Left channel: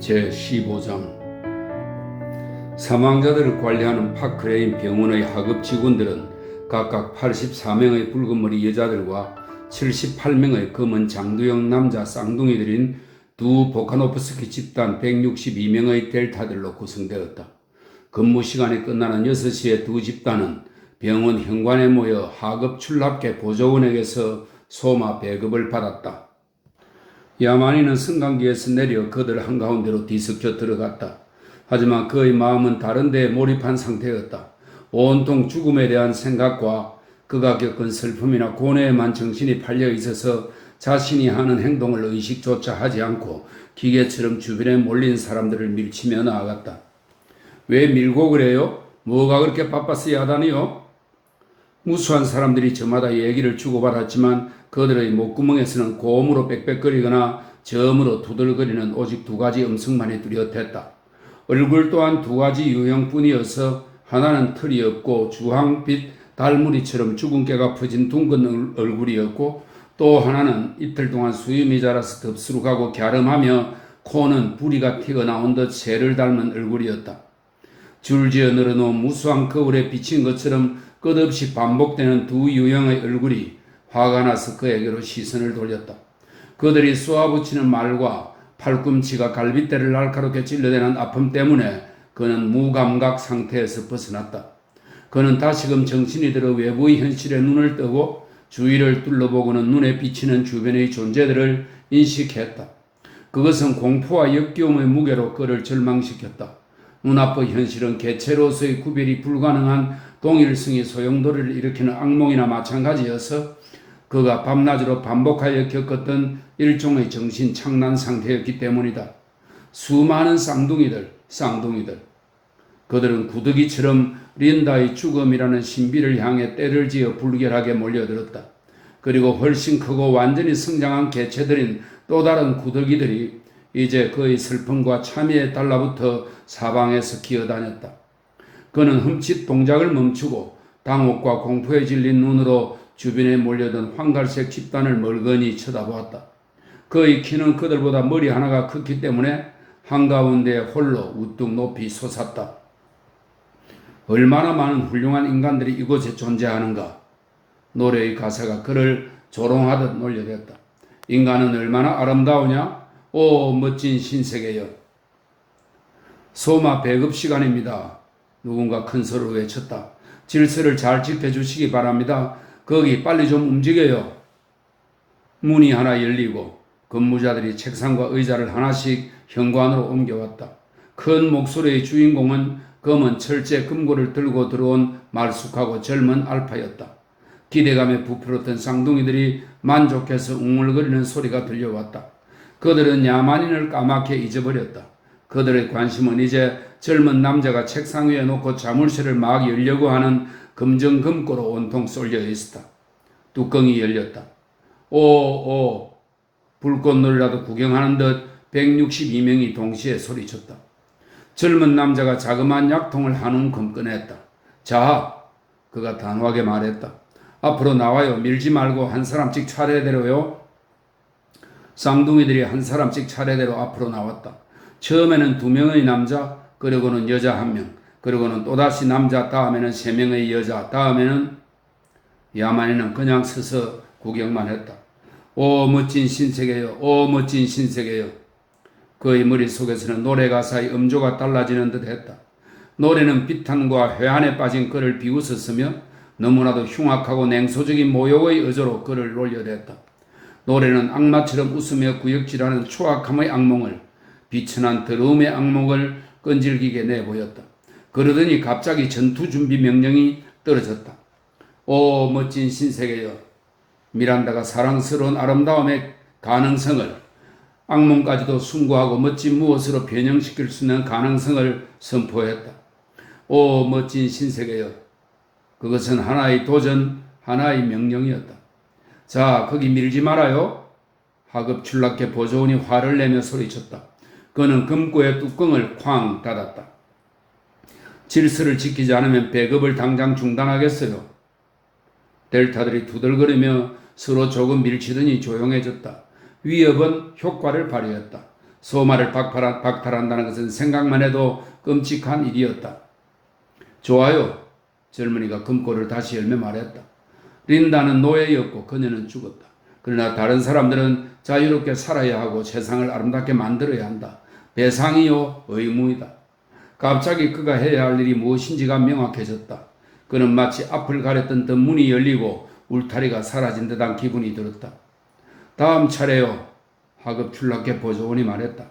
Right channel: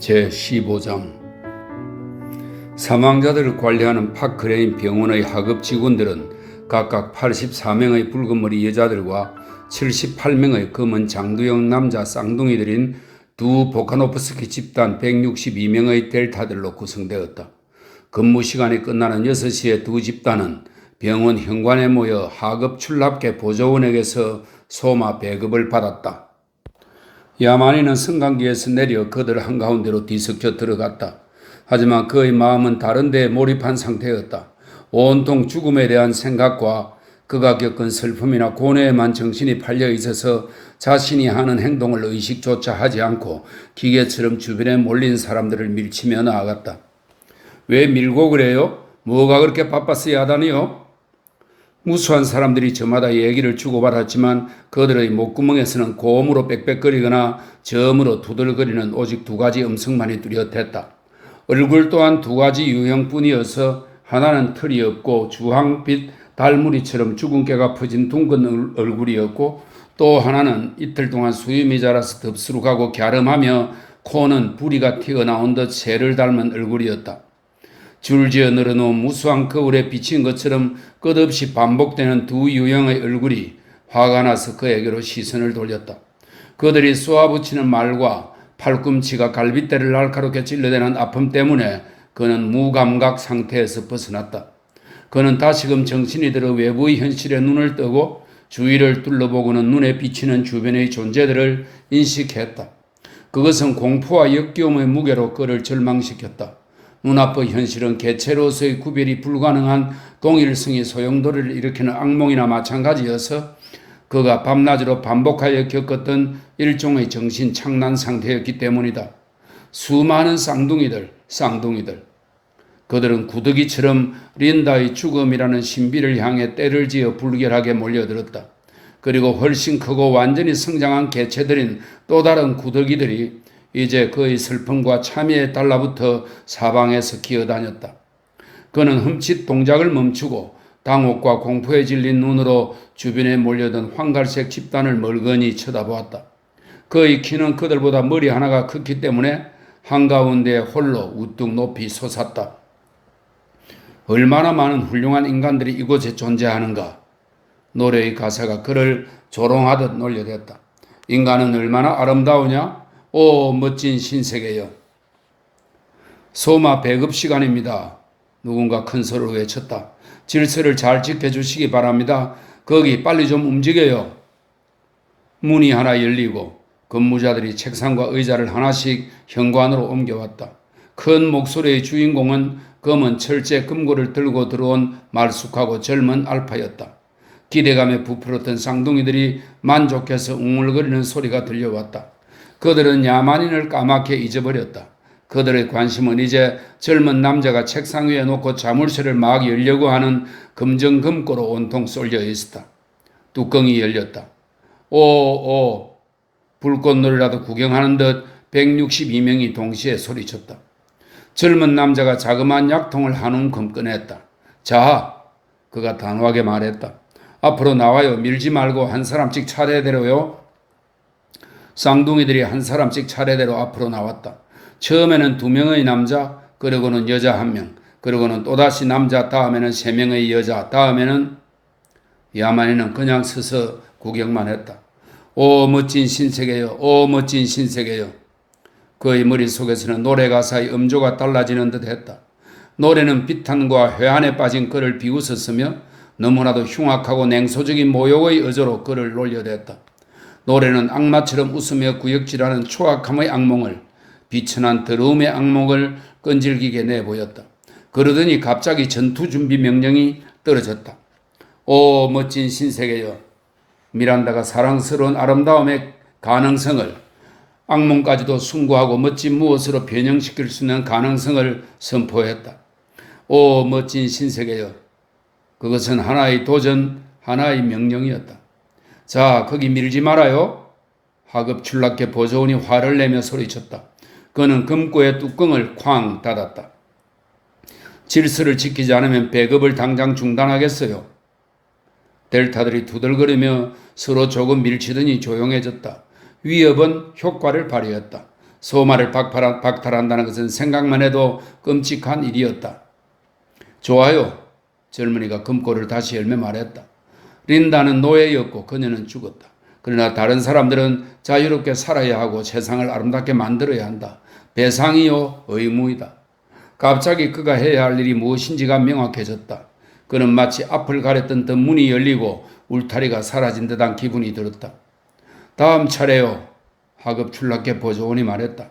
제15장 사망자들을 관리하는 파크레인 병원의 하급 직원들은 각각 84명의 붉은머리 여자들과 78명의 검은 장두형 남자 쌍둥이들인 두 보카노프스키 집단 162명의 델타들로 구성되었다. 근무 시간이 끝나는 6시에 두 집단은 병원 현관에 모여 하급 출납계 보조원에게서 소마 배급을 받았다. 야만인은 승강기에서 내려 그들 한가운데로 뒤섞여 들어갔다. 하지만 그의 마음은 다른 데에 몰입한 상태였다. 온통 죽음에 대한 생각과 그가 겪은 슬픔이나 고뇌에만 정신이 팔려 있어서 자신이 하는 행동을 의식조차 하지 않고 기계처럼 주변에 몰린 사람들을 밀치며 나아갔다. 왜 밀고 그래요? 뭐가 그렇게 바빴어야 하다니요? 무수한 사람들이 저마다 얘기를 주고받았지만 그들의 목구멍에서는 고음으로 빽빽거리거나 저음으로 두들거리는 오직 두 가지 음성만이 뚜렷했다. 얼굴 또한 두 가지 유형뿐이어서 하나는 털이 없고 주황빛 달무리처럼 죽은 깨가 퍼진 둥근 얼굴이었고 또 하나는 이틀 동안 수염이 자라서 덥수룩하고 갸름하며 코는 부리가 튀어나온 듯 새를 닮은 얼굴이었다. 줄지어 늘어놓은 무수한 거울에 비친 것처럼 끝없이 반복되는 두 유형의 얼굴이 화가 나서 그에게로 시선을 돌렸다. 그들이 쏘아붙이는 말과 팔꿈치가 갈빗대를 날카롭게 찔러대는 아픔 때문에 그는 무감각 상태에서 벗어났다. 그는 다시금 정신이 들어 외부의 현실에 눈을 뜨고 주위를 둘러보고는 눈에 비치는 주변의 존재들을 인식했다. 그것은 공포와 역겨움의 무게로 그를 절망시켰다. 눈앞의 현실은 개체로서의 구별이 불가능한 동일성이 소용돌이를 일으키는 악몽이나 마찬가지여서 그가 밤낮으로 반복하여 겪었던 일종의 정신 착란 상태였기 때문이다. 수많은 쌍둥이들. 그들은 구더기처럼 린다의 죽음이라는 신비를 향해 때를 지어 불결하게 몰려들었다. 그리고 훨씬 크고 완전히 성장한 개체들인 또 다른 구더기들이 이제 그의 슬픔과 참회에 달라붙어 사방에서 기어다녔다. 그는 흠칫 동작을 멈추고 당혹과 공포에 질린 눈으로 주변에 몰려든 황갈색 집단을 멀거니 쳐다보았다. 그의 키는 그들보다 머리 하나가 컸기 때문에 한가운데 홀로 우뚝 높이 솟았다. 얼마나 많은 훌륭한 인간들이 이곳에 존재하는가. 노래의 가사가 그를 조롱하듯 놀려댔다. 인간은 얼마나 아름다우냐? 오 멋진 신세계여. 소마 배급 시간입니다. 누군가 큰 소리로 외쳤다. 질서를 잘 지켜주시기 바랍니다. 거기 빨리 좀 움직여요. 문이 하나 열리고 근무자들이 책상과 의자를 하나씩 현관으로 옮겨왔다. 큰 목소리의 주인공은 검은 철제 금고를 들고 들어온 말쑥하고 젊은 알파였다. 기대감에 부풀었던 쌍둥이들이 만족해서 웅얼거리는 소리가 들려왔다. 그들은 야만인을 까맣게 잊어버렸다. 그들의 관심은 이제 젊은 남자가 책상 위에 놓고 자물쇠를 막 열려고 하는 금정 금고로 온통 쏠려 있었다. 뚜껑이 열렸다. 오, 불꽃놀이라도 구경하는 듯 162명이 동시에 소리쳤다. 젊은 남자가 자그마한 약통을 한 움큼 꺼냈다. 자, 그가 단호하게 말했다. 앞으로 나와요. 밀지 말고 한 사람씩 차례대로요. 쌍둥이들이 한 사람씩 차례대로 앞으로 나왔다. 처음에는 2명의 남자, 그리고는 여자 1명, 그리고는 또다시 남자, 다음에는 3명의 여자, 다음에는 야만인은 그냥 서서 구경만 했다. 오 멋진 신세계여, 오 멋진 신세계여. 그의 머릿속에서는 노래 가사의 음조가 달라지는 듯 했다. 노래는 비탄과 회한에 빠진 그를 비웃었으며 너무나도 흉악하고 냉소적인 모욕의 어조로 그를 놀려댔다. 노래는 악마처럼 웃으며 구역질하는 초악함의 악몽을, 비천한 더러움의 악몽을 끈질기게 내보였다. 그러더니 갑자기 전투 준비 명령이 떨어졌다. 오 멋진 신세계여. 미란다가 사랑스러운 아름다움의 가능성을, 악몽까지도 숭고하고 멋진 무엇으로 변형시킬 수 있는 가능성을 선포했다. 오 멋진 신세계여. 그것은 하나의 도전, 하나의 명령이었다. 자, 거기 밀지 말아요. 하급 출납계 보조원이 화를 내며 소리쳤다. 그는 금고의 뚜껑을 쾅 닫았다. 질서를 지키지 않으면 배급을 당장 중단하겠어요. 델타들이 두들거리며 서로 조금 밀치더니 조용해졌다. 위협은 효과를 발휘했다. 소마를 박탈한다는 것은 생각만 해도 끔찍한 일이었다. 좋아요. 젊은이가 금고를 다시 열며 말했다. 린다는 노예였고 그녀는 죽었다. 그러나 다른 사람들은 자유롭게 살아야 하고 세상을 아름답게 만들어야 한다. 배상이요 의무이다. 갑자기 그가 해야 할 일이 무엇인지가 명확해졌다. 그는 마치 앞을 가렸던 듯 문이 열리고 울타리가 사라진 듯한 기분이 들었다. 다음 차례요. 하급 출납계 보조원이 말했다.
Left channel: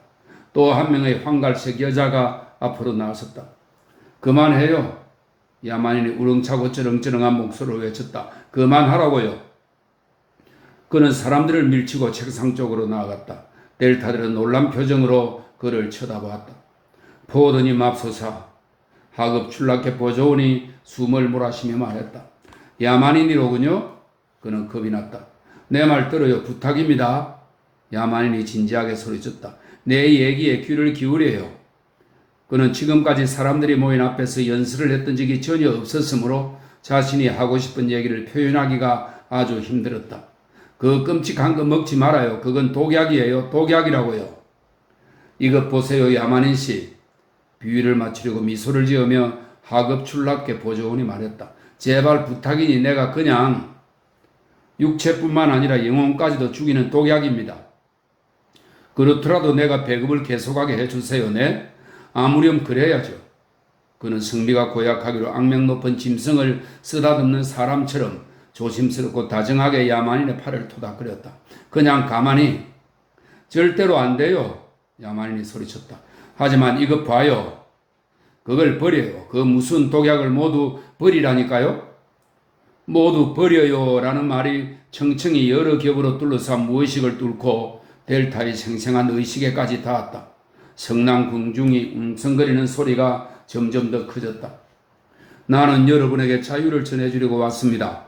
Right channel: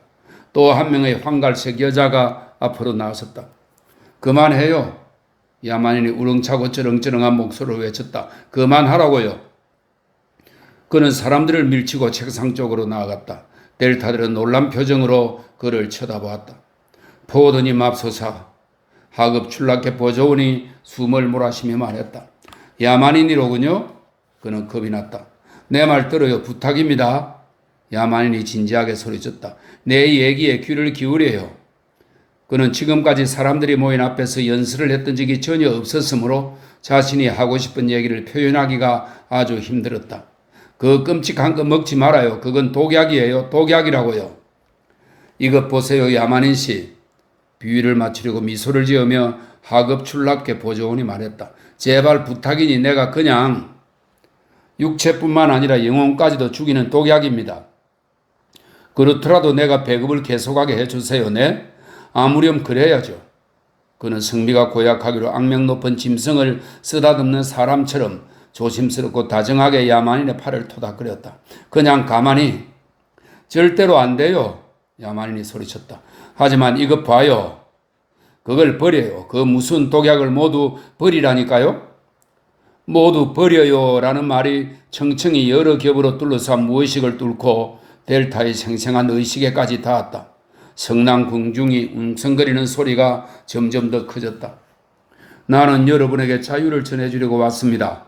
또 한 명의 황갈색 여자가 앞으로 나섰다. 그만해요. 야만인이 우렁차고 쩌렁쩌렁한 목소리로 외쳤다. 그만하라고요. 그는 사람들을 밀치고 책상 쪽으로 나아갔다. 델타들은 놀란 표정으로 그를 쳐다보았다. 포드니 맙소사. 하급 출납계 보조원이 숨을 몰아쉬며 말했다. 야만인이로군요. 그는 겁이 났다. 내 말 들어요. 부탁입니다. 야만인이 진지하게 소리쳤다. 내 얘기에 귀를 기울여요. 그는 지금까지 사람들이 모인 앞에서 연설을 했던 적이 전혀 없었으므로 자신이 하고 싶은 얘기를 표현하기가 아주 힘들었다. 그 끔찍한 거 먹지 말아요. 그건 독약이에요. 독약이라고요. 이것 보세요. 야만인 씨. 비위를 맞추려고 미소를 지으며 하급 출납계 보조원이 말했다. 제발 부탁이니 내가 그냥 육체뿐만 아니라 영혼까지도 죽이는 독약입니다. 그렇더라도 내가 배급을 계속하게 해주세요. 네? 아무렴 그래야죠. 그는 성미가 고약하기로 악명 높은 짐승을 쓰다듬는 사람처럼 조심스럽고 다정하게 야만인의 팔을 토닥거렸다. 그냥 가만히. 절대로 안 돼요. 야만인이 소리쳤다. 하지만 이것 봐요. 그걸 버려요. 그 무슨 독약을 모두 버리라니까요. 모두 버려요 라는 말이 청청이 여러 겹으로 둘러싼 무의식을 뚫고 델타의 생생한 의식에까지 닿았다. 성난 궁중이 웅성거리는 소리가 점점 더 커졌다. 나는 여러분에게 자유를 전해주려고 왔습니다.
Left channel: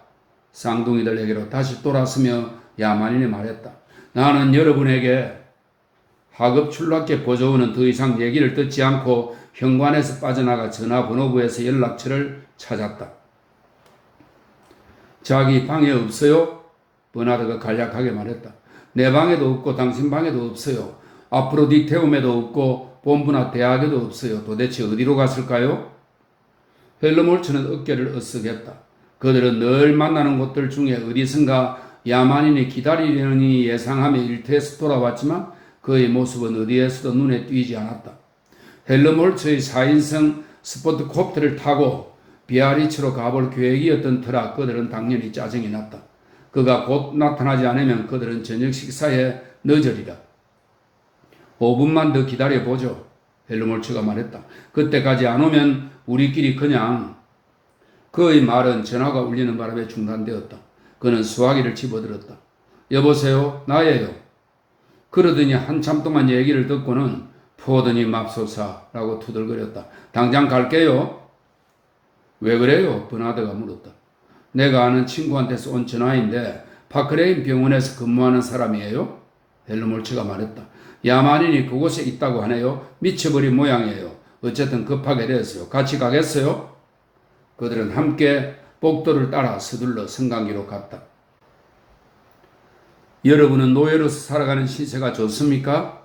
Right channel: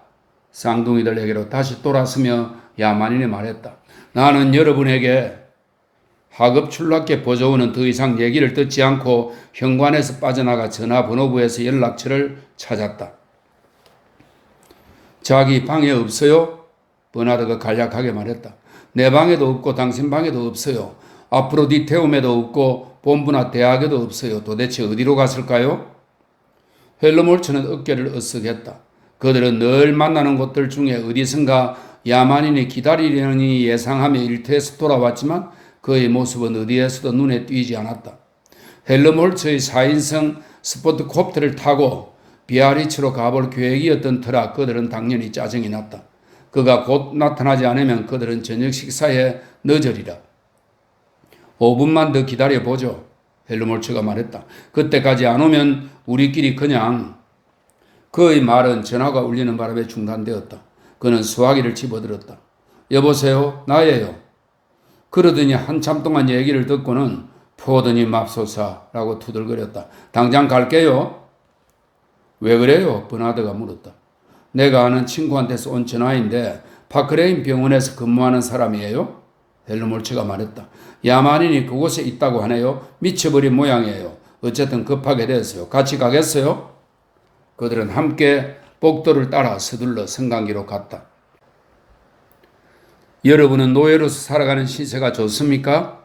쌍둥이들에게로 다시 돌아서며 야만인이 말했다. 나는 여러분에게 하급 출납계 보조원은 더 이상 얘기를 듣지 않고 현관에서 빠져나가 전화번호부에서 연락처를 찾았다. 자기 방에 없어요? 버나드가 간략하게 말했다. 내 방에도 없고 당신 방에도 없어요. 아프로디테움에도 없고 본부나 대학에도 없어요. 도대체 어디로 갔을까요? 헬르몰츠는 어깨를 으쓱했다. 그들은 늘 만나는 곳들 중에 어디선가 야만인이 기다리려니 예상하며 일터에서 돌아왔지만 그의 모습은 어디에서도 눈에 띄지 않았다. 헬르몰츠의 4인승 스포트콥터를 타고 비아리츠로 가볼 계획이었던 터라 그들은 당연히 짜증이 났다. 그가 곧 나타나지 않으면 그들은 저녁 식사에 늦으리라. 5분만 더 기다려보죠. 헬르몰츠가 말했다. 그때까지 안 오면 우리끼리 그냥. 그의 말은 전화가 울리는 바람에 중단되었다. 그는 수화기를 집어들었다. 여보세요? 나예요. 그러더니 한참 동안 얘기를 듣고는 포드니 맙소사라고 투덜거렸다. 당장 갈게요. 왜 그래요? 버나드가 물었다. 내가 아는 친구한테서 온 전화인데 파크레인 병원에서 근무하는 사람이에요? 헬르몰츠가 말했다. 야만인이 그곳에 있다고 하네요. 미쳐버린 모양이에요. 어쨌든 급하게 됐어요. 같이 가겠어요? 그들은 함께 복도를 따라 서둘러 성강기로 갔다. 여러분은 노예로서 살아가는 신세가 좋습니까?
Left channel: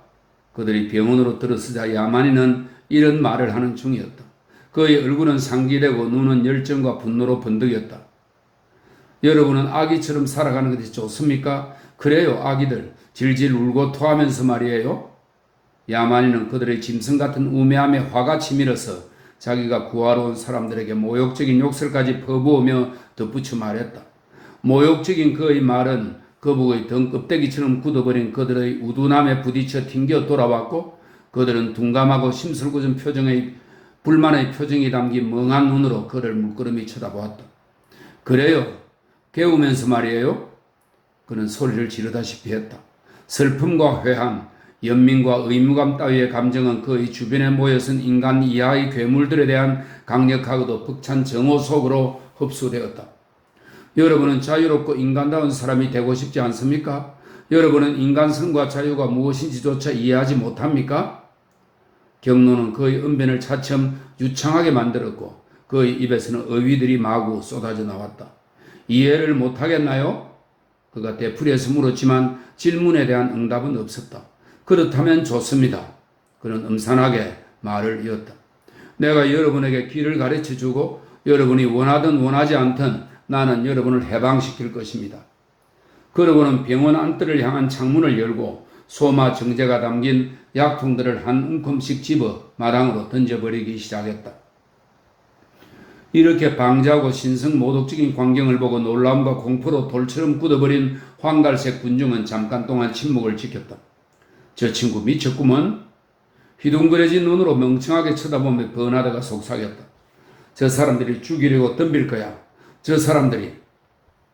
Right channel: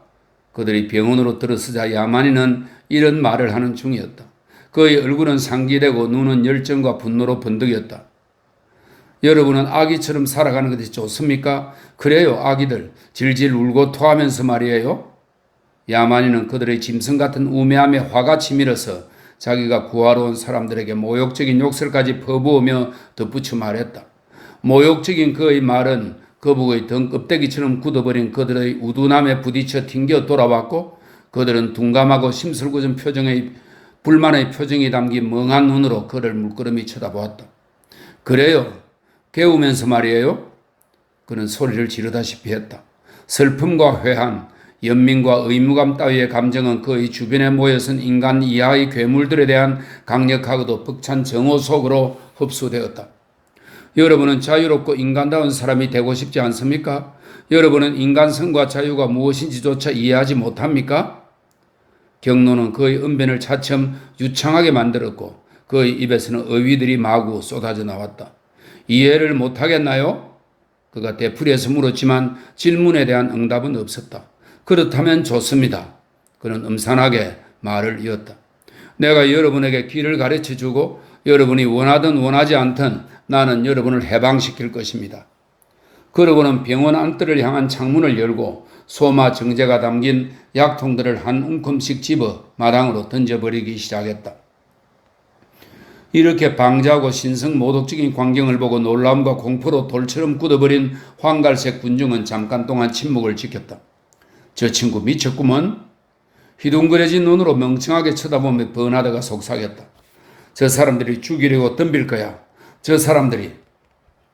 그들이 병원으로 들어서자 야만인은 이런 말을 하는 중이었다. 그의 얼굴은 상기되고 눈은 열정과 분노로 번득였다. 여러분은 아기처럼 살아가는 것이 좋습니까? 그래요, 아기들. 질질 울고 토하면서 말이에요. 야만인은 그들의 짐승 같은 우매함에 화가 치밀어서 자기가 구하러 온 사람들에게 모욕적인 욕설까지 퍼부으며 덧붙여 말했다. 모욕적인 그의 말은 거북의 등껍데기처럼 굳어버린 그들의 우둔함에 부딪혀 튕겨 돌아왔고 그들은 둔감하고 심술궂은 표정의 불만의 표정이 담긴 멍한 눈으로 그를 물끄러미 쳐다보았다. 그래요. 깨우면서 말이에요. 그는 소리를 지르다시피 했다. 슬픔과 회한, 연민과 의무감 따위의 감정은 그의 주변에 모여선 인간 이하의 괴물들에 대한 강력하고도 벅찬 정오 속으로 흡수되었다. 여러분은 자유롭고 인간다운 사람이 되고 싶지 않습니까? 여러분은 인간성과 자유가 무엇인지조차 이해하지 못합니까? 경로는 그의 언변을 차츰 유창하게 만들었고 그의 입에서는 어휘들이 마구 쏟아져 나왔다. 이해를 못하겠나요? 그가 되풀이해서 물었지만 질문에 대한 응답은 없었다. 그렇다면 좋습니다. 그는 음산하게 말을 이었다. 내가 여러분에게 길을 가르쳐주고 여러분이 원하든 원하지 않든 나는 여러분을 해방시킬 것입니다. 그러고는 병원 안뜰을 향한 창문을 열고 소마 정제가 담긴 약통들을 한 움큼씩 집어 마당으로 던져버리기 시작했다. 이렇게 방자하고 신성모독적인 광경을 보고 놀라움과 공포로 돌처럼 굳어버린 황갈색 군중은 잠깐 동안 침묵을 지켰다. 저 친구 미쳤구먼. 휘둥그레진 눈으로 멍청하게 쳐다보며 버나드가 속삭였다. 저 사람들이 죽이려고 덤빌 거야. 저 사람들이.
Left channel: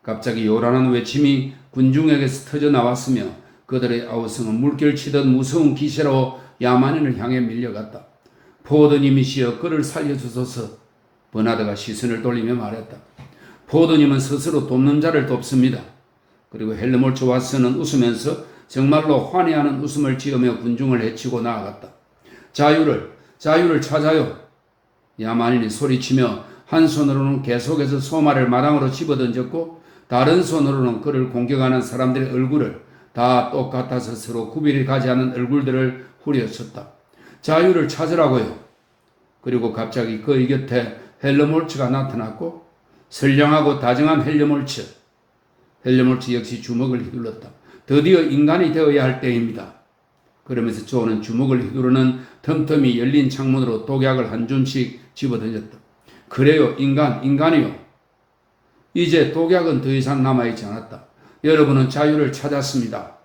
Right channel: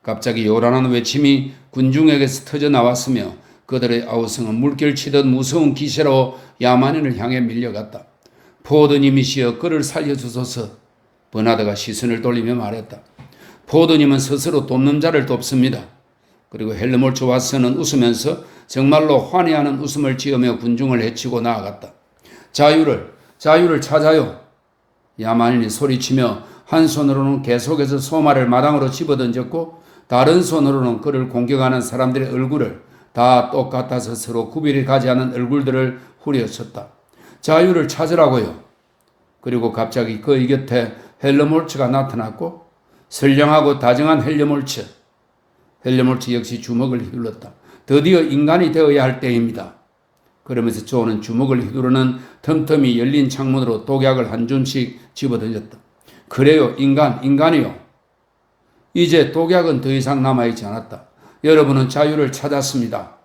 갑자기 요란한 외침이 군중에게서 터져 나왔으며 그들의 아우성은 물결치듯 무서운 기세로 야만인을 향해 밀려갔다. 포도님이시여 그를 살려주소서. 버나드가 시선을 돌리며 말했다. 포도님은 스스로 돕는 자를 돕습니다. 그리고 헬르몰츠 왓슨은 웃으면서 정말로 환희하는 웃음을 지으며 군중을 해치고 나아갔다. 자유를 찾아요. 야만인이 소리치며 한 손으로는 계속해서 소마를 마당으로 집어던졌고 다른 손으로는 그를 공격하는 사람들의 얼굴을 다 똑같아서 서로 구별이 가지 않은 얼굴들을 후려쳤다. 자유를 찾으라고요. 그리고 갑자기 그의 곁에 헬르몰츠가 나타났고 선량하고 다정한 헬르몰츠 역시 주먹을 휘둘렀다. 드디어 인간이 되어야 할 때입니다. 그러면서 조는 주먹을 휘두르는 틈틈이 열린 창문으로 독약을 한 줌씩 집어던졌다. 그래요, 인간이요. 이제 독약은 더 이상 남아있지 않았다. 여러분은 자유를 찾았습니다.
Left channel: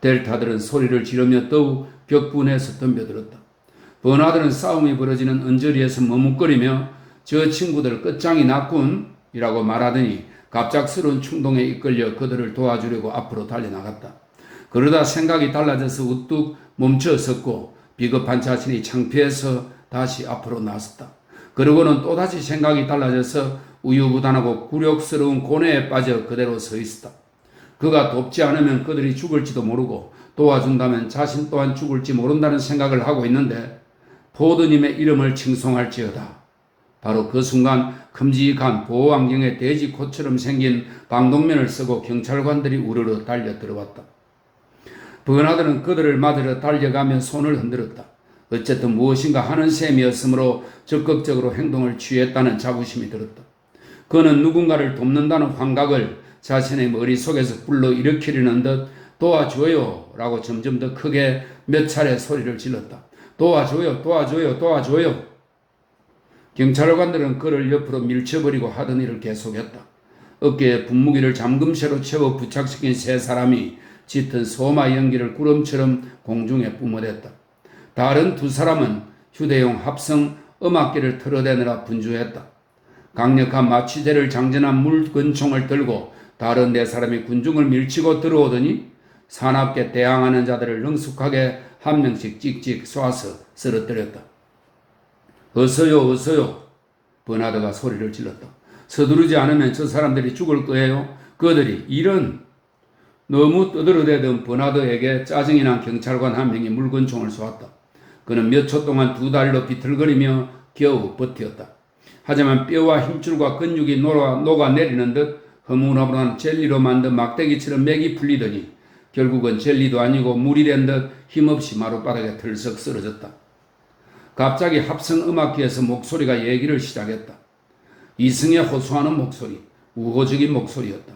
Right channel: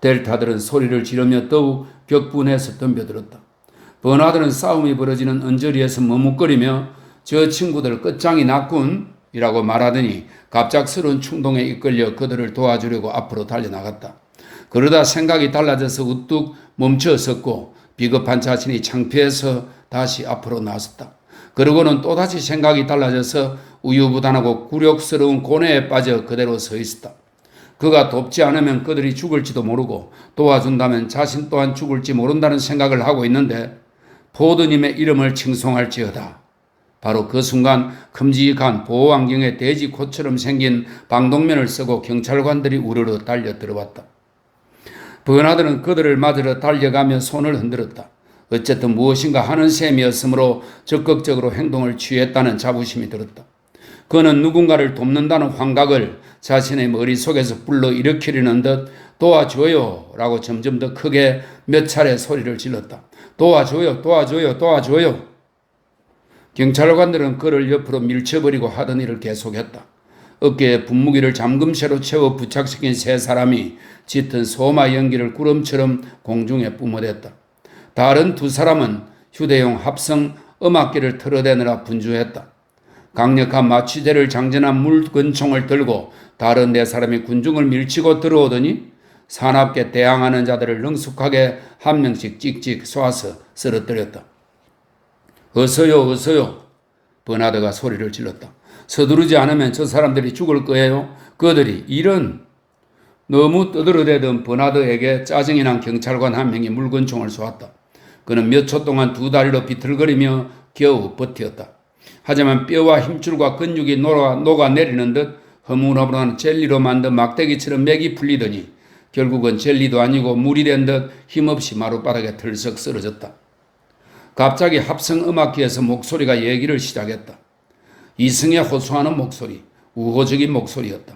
델타들은 소리를 지르며 더욱 격분해서 덤벼들었다. 버나드는 싸움이 벌어지는 언저리에서 머뭇거리며 저 친구들 끝장이 났군이라고 말하더니 갑작스러운 충동에 이끌려 그들을 도와주려고 앞으로 달려나갔다. 그러다 생각이 달라져서 우뚝 멈춰섰고 비겁한 자신이 창피해서 다시 앞으로 나섰다. 그러고는 또다시 생각이 달라져서 우유부단하고 굴욕스러운 고뇌에 빠져 그대로 서 있었다. 그가 돕지 않으면 그들이 죽을지도 모르고 도와준다면 자신 또한 죽을지 모른다는 생각을 하고 있는데 포도님의 이름을 칭송할지어다. 바로 그 순간 큼직한 보호안경에 돼지코처럼 생긴 방독면을 쓰고 경찰관들이 우르르 달려 들어왔다. 버나드는 그들을 맞으러 달려가며 손을 흔들었다. 어쨌든 무엇인가 하는 셈이었으므로 적극적으로 행동을 취했다는 자부심이 들었다. 그는 누군가를 돕는다는 환각을 자신의 머릿속에서 불러일으키려는 듯 도와줘요 라고 점점 더 크게 몇 차례 소리를 질렀다. 도와줘요. 경찰관들은 그를 옆으로 밀쳐버리고 하던 일을 계속했다. 어깨에 분무기를 잠금쇠로 채워 부착시킨 세 사람이 짙은 소마 연기를 구름처럼 공중에 뿜어댔다. 다른 두 사람은 휴대용 합성 음악기를 틀어대느라 분주했다. 강력한 마취제를 장전한 물권총을 들고 다른 네 사람이 군중을 밀치고 들어오더니 사납게 대항하는 자들을 능숙하게 한 명씩 찍찍 쏘아서 쓰러뜨렸다. 어서요. 버나드가 소리를 질렀다. 서두르지 않으면 저 사람들이 죽을 거예요. 그들이 이런 너무 떠들어대던 버나드에게 짜증이 난 경찰관 한 명이 물건총을 쏘았다. 그는 몇 초 동안 두 다리로 비틀거리며 겨우 버텼다. 하지만 뼈와 힘줄과 근육이 녹아내리는 듯 허물허물한 젤리로 만든 막대기처럼 맥이 풀리더니 결국은 젤리도 아니고 물이 된 듯 힘없이 마룻바닥에 털썩 쓰러졌다. 갑자기 합성음악기에서 목소리가 얘기를 시작했다. 이승에 호소하는 목소리, 우호적인 목소리였다.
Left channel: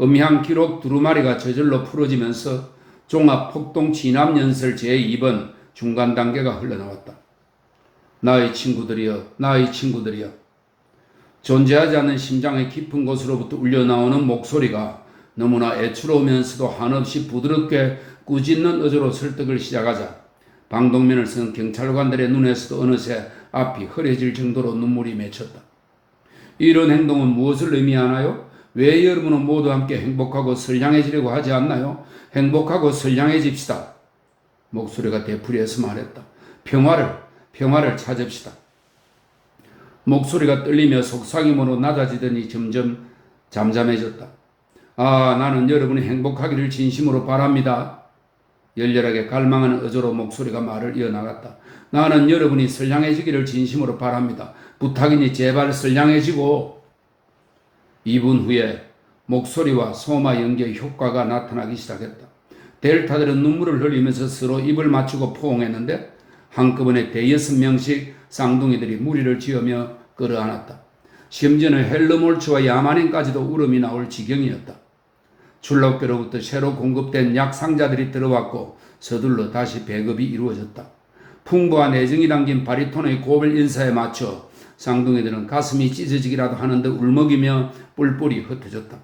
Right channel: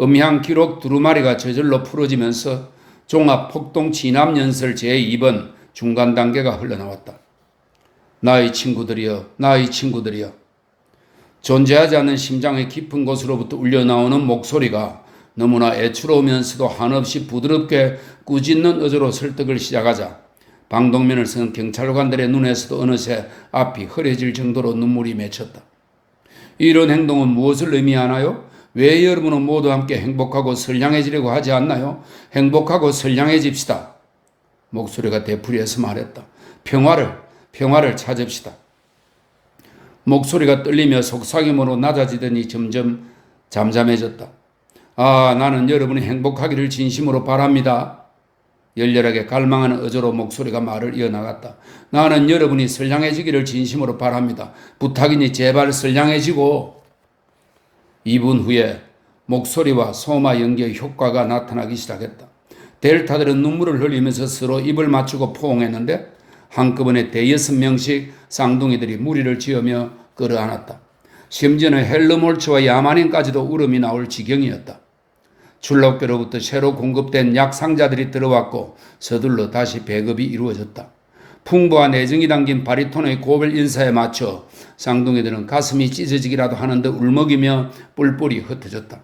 음향 기록 두루마리가 저절로 풀어지면서 종합폭동 진압연설 제2번 중간 단계가 흘러나왔다. 나의 친구들이여. 존재하지 않는 심장의 깊은 곳으로부터 울려나오는 목소리가 너무나 애처로우면서도 한없이 부드럽게 꾸짖는 어조로 설득을 시작하자 방독면을 쓴 경찰관들의 눈에서도 어느새 앞이 흐려질 정도로 눈물이 맺혔다. 이런 행동은 무엇을 의미하나요? 왜 여러분은 모두 함께 행복하고 선량해지려고 하지 않나요? 행복하고 선량해집시다. 목소리가 되풀이해서 말했다. 평화를 찾읍시다. 목소리가 떨리며 속삭임으로 낮아지더니 점점 잠잠해졌다. 나는 여러분이 행복하기를 진심으로 바랍니다. 열렬하게 갈망하는 어조로 목소리가 말을 이어나갔다. 나는 여러분이 선량해지기를 진심으로 바랍니다. 부탁이니 제발 선량해지고. 2분 후에 목소리와 소마 연기의 효과가 나타나기 시작했다. 델타들은 눈물을 흘리면서 서로 입을 맞추고 포옹했는데 한꺼번에 대여섯 명씩 쌍둥이들이 무리를 지으며 끌어안았다. 심지어는 헬르몰츠와 야마닌까지도 울음이 나올 지경이었다. 출록교로부터 새로 공급된 약 상자들이 들어왔고 서둘러 다시 배급이 이루어졌다. 풍부한 애정이 담긴 바리톤의 고별 인사에 맞춰 쌍둥이들은 가슴이 찢어지기라도 하는 듯 울먹이며 뿔뿔이 흩어졌다.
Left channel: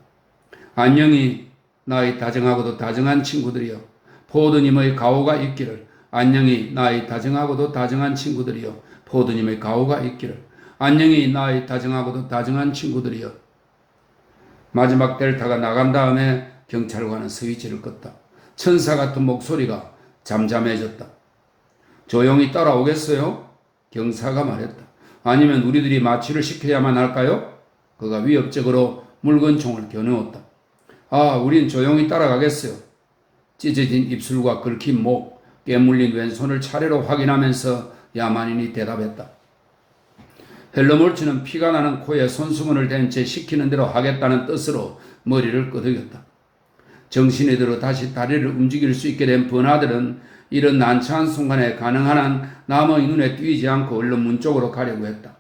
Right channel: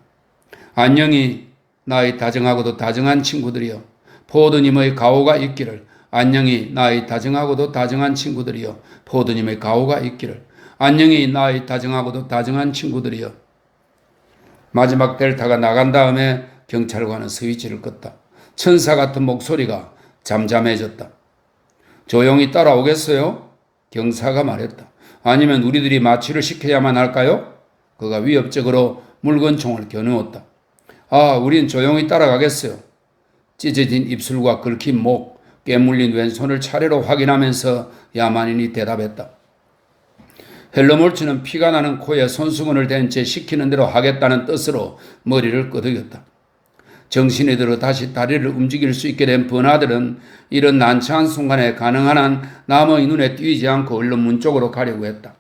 안녕히 나의 다정하고도 다정한 친구들이여, 포도님의 가호가 있기를. 안녕히 나의 다정하고도 다정한 친구들이여, 포도님의 가호가 있기를. 안녕히 나의 다정하고도 다정한 친구들이여. 마지막 델타가 나간 다음에 경찰관은 스위치를 껐다. 천사 같은 목소리가 잠잠해졌다. 조용히 따라오겠어요? 경사가 말했다. 아니면 우리들이 마취를 시켜야만 할까요? 그가 위협적으로 물건총을 겨누었다. 우린 조용히 따라가겠어요. 찢어진 입술과 긁힌 목, 깨물린 왼손을 차례로 확인하면서 야만인이 대답했다. 헬러몰츠는 피가 나는 코에 손수건을 댄 채 시키는 대로 하겠다는 뜻으로 머리를 끄덕였다. 정신이 들어 다시 다리를 움직일 수 있게 된 버나들은 이런 난처한 순간에 가능한 한 남의 눈에 띄지 않고 얼른 문 쪽으로 가려고 했다.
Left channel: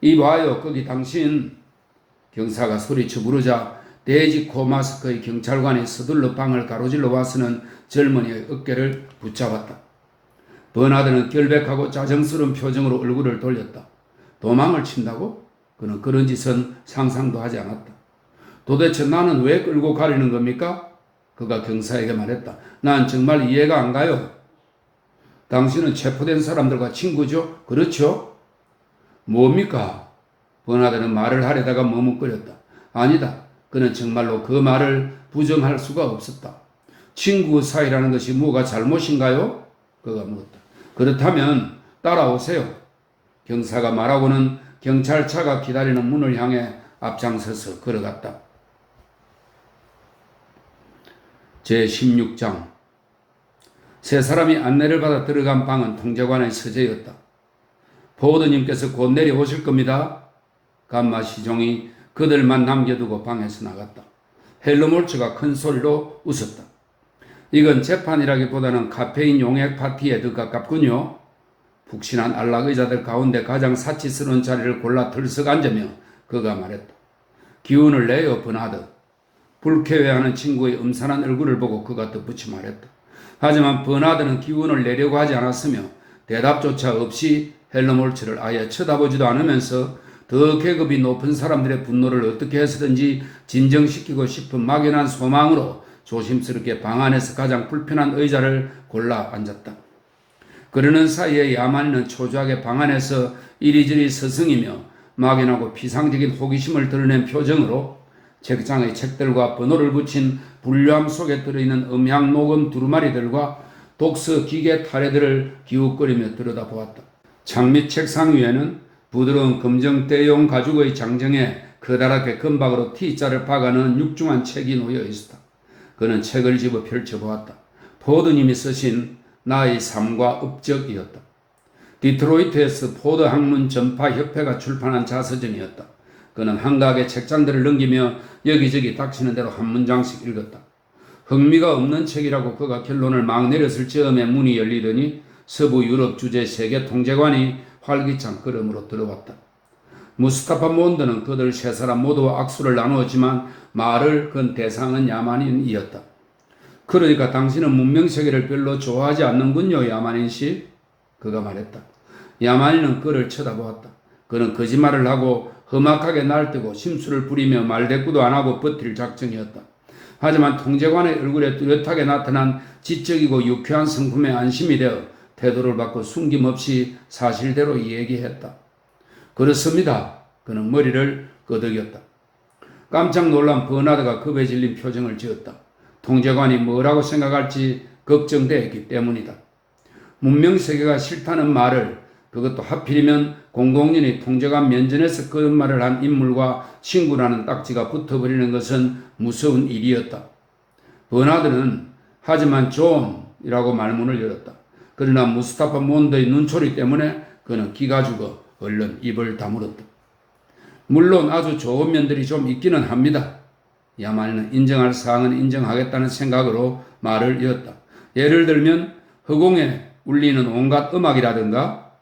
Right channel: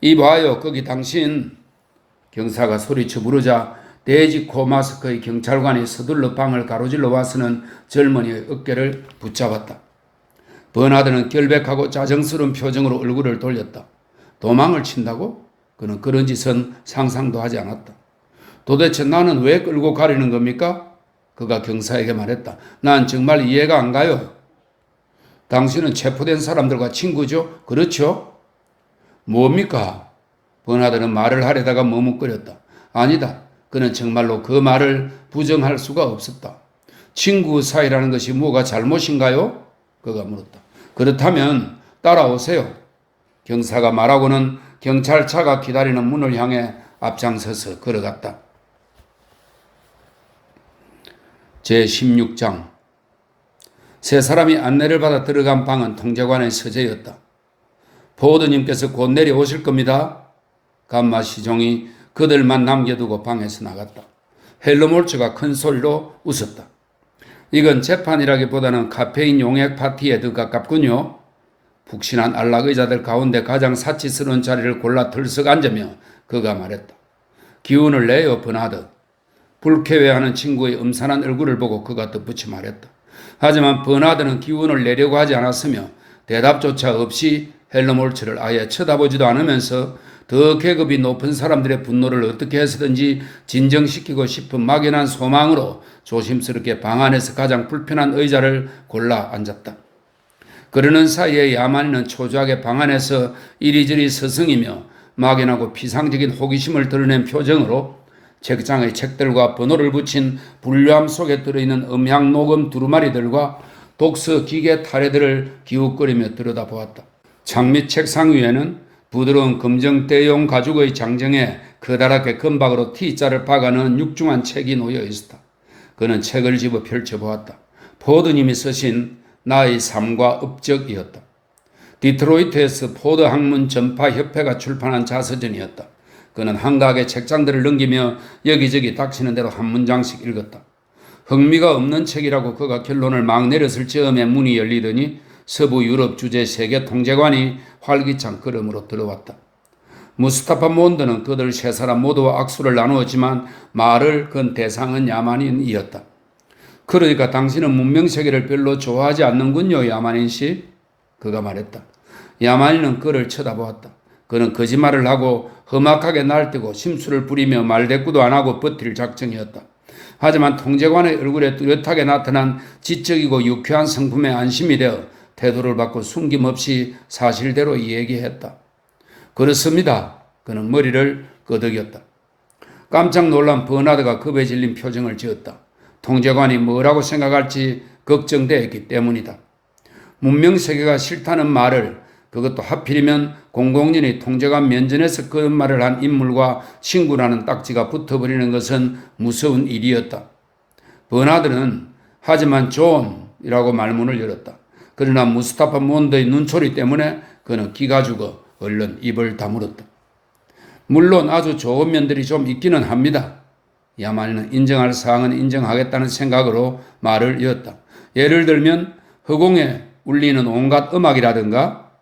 이봐요, 거기 당신. 경사가 소리쳐 부르자 돼지코 마스크의 경찰관이 서둘러 방을 가로질러 와서는 젊은이의 어깨를 붙잡았다. 버나드는 결백하고 짜증스러운 표정으로 얼굴을 돌렸다. 도망을 친다고? 그는 그런 짓은 상상도 하지 않았다. 도대체 나는 왜 끌고 가려는 겁니까? 그가 경사에게 말했다. 난 정말 이해가 안 가요. 당신은 체포된 사람들과 친구죠? 그렇죠? 뭡니까? 버나드는 말을 하려다가 머뭇거렸다. 아니다. 그는 정말로 그 말을 부정할 수가 없었다. 친구 사이라는 것이 뭐가 잘못인가요? 그가 물었다. 그렇다면 따라오세요. 경사가 말하고는 경찰차가 기다리는 문을 향해 앞장서서 걸어갔다. 제16장. 세 사람이 안내를 받아 들어간 방은 통제관의 서재였다. 포워드님께서 곧 내려오실 겁니다. 감마 시종이 그들만 남겨두고 방에서 나갔다. 헬러몰츠가 큰 소리로 웃었다. 이건 재판이라기보다는 카페인 용액 파티에 더 가깝군요. 푹신한 안락의자들 가운데 가장 사치스러운 자리를 골라 들썩 앉으며 그가 말했다. 기운을 내요, 버나드. 불쾌해하는 친구의 음산한 얼굴을 보고 그가 덧붙이 말했다. 하지만 버나드는 기운을 내려고 하지 않았으며 대답조차 없이 헬러몰츠를 아예 쳐다보지도 않으면서 더 계급이 높은 사람들의 분노를 어떻게 해서든지 진정시키고 싶은 막연한 소망으로 조심스럽게 방 안에서 가장 불편한 의자를 골라 앉았다. 그러는 사이에 야만이는 초조하게 방 안에서 이리저리 서성이며 막연하고 피상적인 호기심을 드러낸 표정으로 책장의 책들과 번호를 붙인 분류함 속에 들어있는 음향 녹음 두루마리들과 독서 기계 타래들을 기웃거리며 들여다보았다. 장밑 책상 위에는 부드러운 검정 때용 가죽의 장정에 커다랗게 금박으로 T자를 박아놓은 육중한 책이 놓여 있었다. 그는 책을 집어 펼쳐보았다. 포드님이 쓰신 나의 삶과 업적이었다. 디트로이트에서 포드 학문 전파 협회가 출판한 자서전이었다. 그는 한가하게 책장들을 넘기며 여기저기 닥치는 대로 한 문장씩 읽었다. 흥미가 없는 책이라고 그가 결론을 막 내렸을 즈음에 문이 열리더니 서부 유럽 주재 세계 통제관이 활기찬 걸음으로 들어왔다. 무스타파 몬드는 그들 세 사람 모두와 악수를 나누었지만 말을 건 대상은 야만인이었다. 그러니까 당신은 문명세계를 별로 좋아하지 않는군요, 야만인 씨. 그가 말했다. 야만인은 그를 쳐다보았다. 그는 거짓말을 하고 험악하게 날뛰고 심술을 부리며 말대꾸도 안 하고 버틸 작정이었다. 하지만 통제관의 얼굴에 뚜렷하게 나타난 지적이고 유쾌한 성품에 안심이 되어 태도를 바꿔 숨김없이 사실대로 이야기했다. 그렇습니다. 그는 머리를 끄덕였다. 깜짝 놀란 버나드가 겁에 질린 표정을 지었다. 통제관이 뭐라고 생각할지 걱정되었기 때문이다. 문명세계가 싫다는 말을, 그것도 하필이면 공공연히 통제관 면전에서 그런 말을 한 인물과 친구라는 딱지가 붙어버리는 것은 무서운 일이었다. 버나드는 하지만 존이라고 말문을 열었다. 그러나 무스타파 몬드의 눈초리 때문에 그는 기가 죽어 얼른 입을 다물었다. 물론 아주 좋은 면들이 좀 있기는 합니다. 야만인은 인정할 사항은 인정하겠다는 생각으로 말을 이었다. 예를 들면 허공에 울리는 온갖 음악이라든가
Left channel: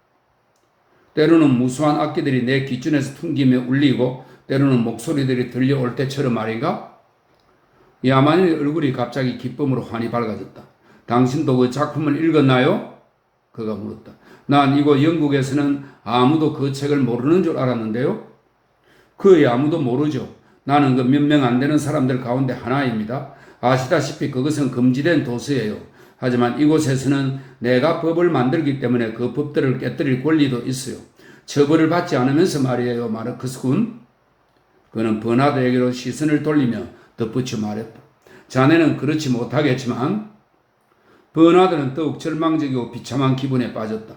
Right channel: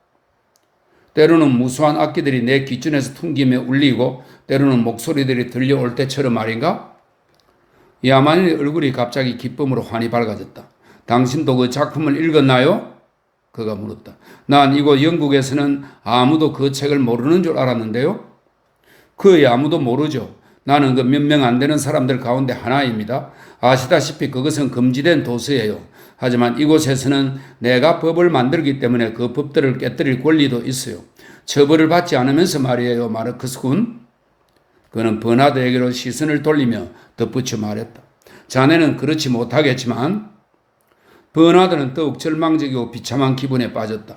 때로는 무수한 악기들이 내 귓줄에서 퉁기며 울리고 때로는 목소리들이 들려올 때처럼 말인가? 야만인의 얼굴이 갑자기 기쁨으로 환히 밝아졌다. 당신도 그 작품을 읽었나요? 그가 물었다. 난 이곳 영국에서는 아무도 그 책을 모르는 줄 알았는데요. 그의 아무도 모르죠. 나는 그 몇 명 안 되는 사람들 가운데 하나입니다. 아시다시피 그것은 금지된 도서예요. 하지만 이곳에서는 내가 법을 만들기 때문에 그 법들을 깨뜨릴 권리도 있어요. 처벌을 받지 않으면서 말이에요, 마르크스 군. 그는 버나드에게로 시선을 돌리며 덧붙여 말했다. 자네는 그렇지 못하겠지만 버나드는 더욱 절망적이고 비참한 기분에 빠졌다.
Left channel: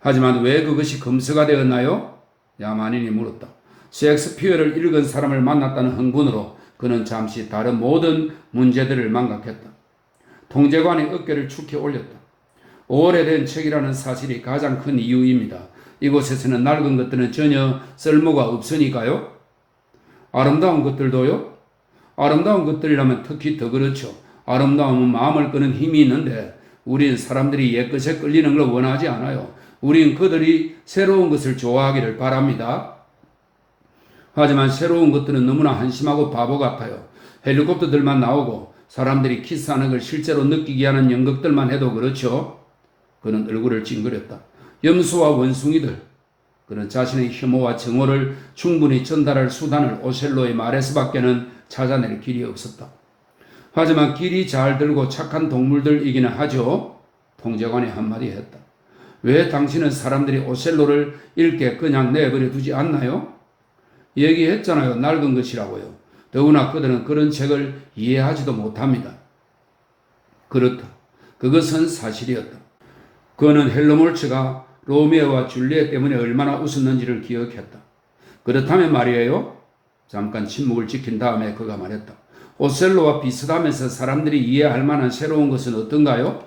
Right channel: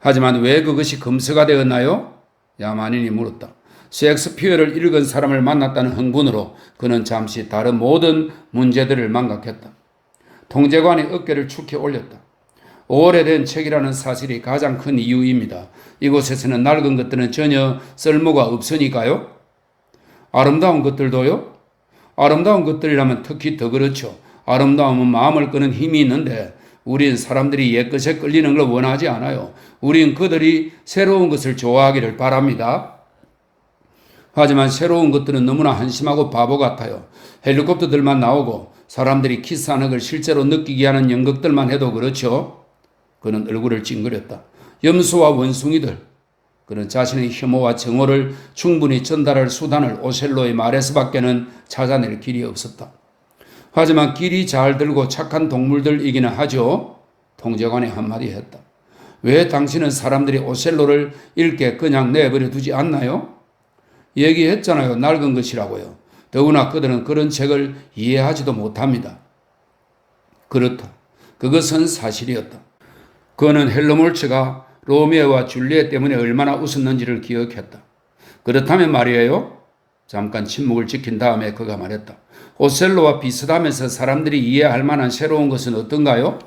하지만 왜 그것이 금서가 되었나요? 야만인이 물었다. 셰익스피어를 읽은 사람을 만났다는 흥분으로 그는 잠시 다른 모든 문제들을 망각했다. 통제관이 어깨를 축해 올렸다. 오래된 책이라는 사실이 가장 큰 이유입니다. 이곳에서는 낡은 것들은 전혀 쓸모가 없으니까요. 아름다운 것들도요? 아름다운 것들이라면 특히 더 그렇죠. 아름다움은 마음을 끄는 힘이 있는데 우린 사람들이 옛것에 끌리는 걸 원하지 않아요. 우린 그들이 새로운 것을 좋아하기를 바랍니다. 하지만 새로운 것들은 너무나 한심하고 바보 같아요. 헬리콥터들만 나오고 사람들이 키스하는 걸 실제로 느끼게 하는 연극들만 해도 그렇죠. 그는 얼굴을 찡그렸다. 염소와 원숭이들. 그는 자신의 혐오와 정오를 충분히 전달할 수단을 오셀로의 말에서밖에는 찾아낼 길이 없었다. 하지만 길이 잘 들고 착한 동물들이기는 하죠. 통제관이 한마디 했다. 왜 당신은 사람들이 오셀로를 읽게 그냥 내버려 두지 않나요? 얘기했잖아요. 낡은 것이라고요. 더구나 그들은 그런 책을 이해하지도 못합니다. 그렇다. 그것은 사실이었다. 그는 헬로몰츠가 로미오와 줄리엣 때문에 얼마나 웃었는지를 기억했다. 그렇다면 말이에요. 잠깐 침묵을 지킨 다음에 그가 말했다. 오셀로와 비슷하면서 사람들이 이해할 만한 새로운 것은 어떤가요?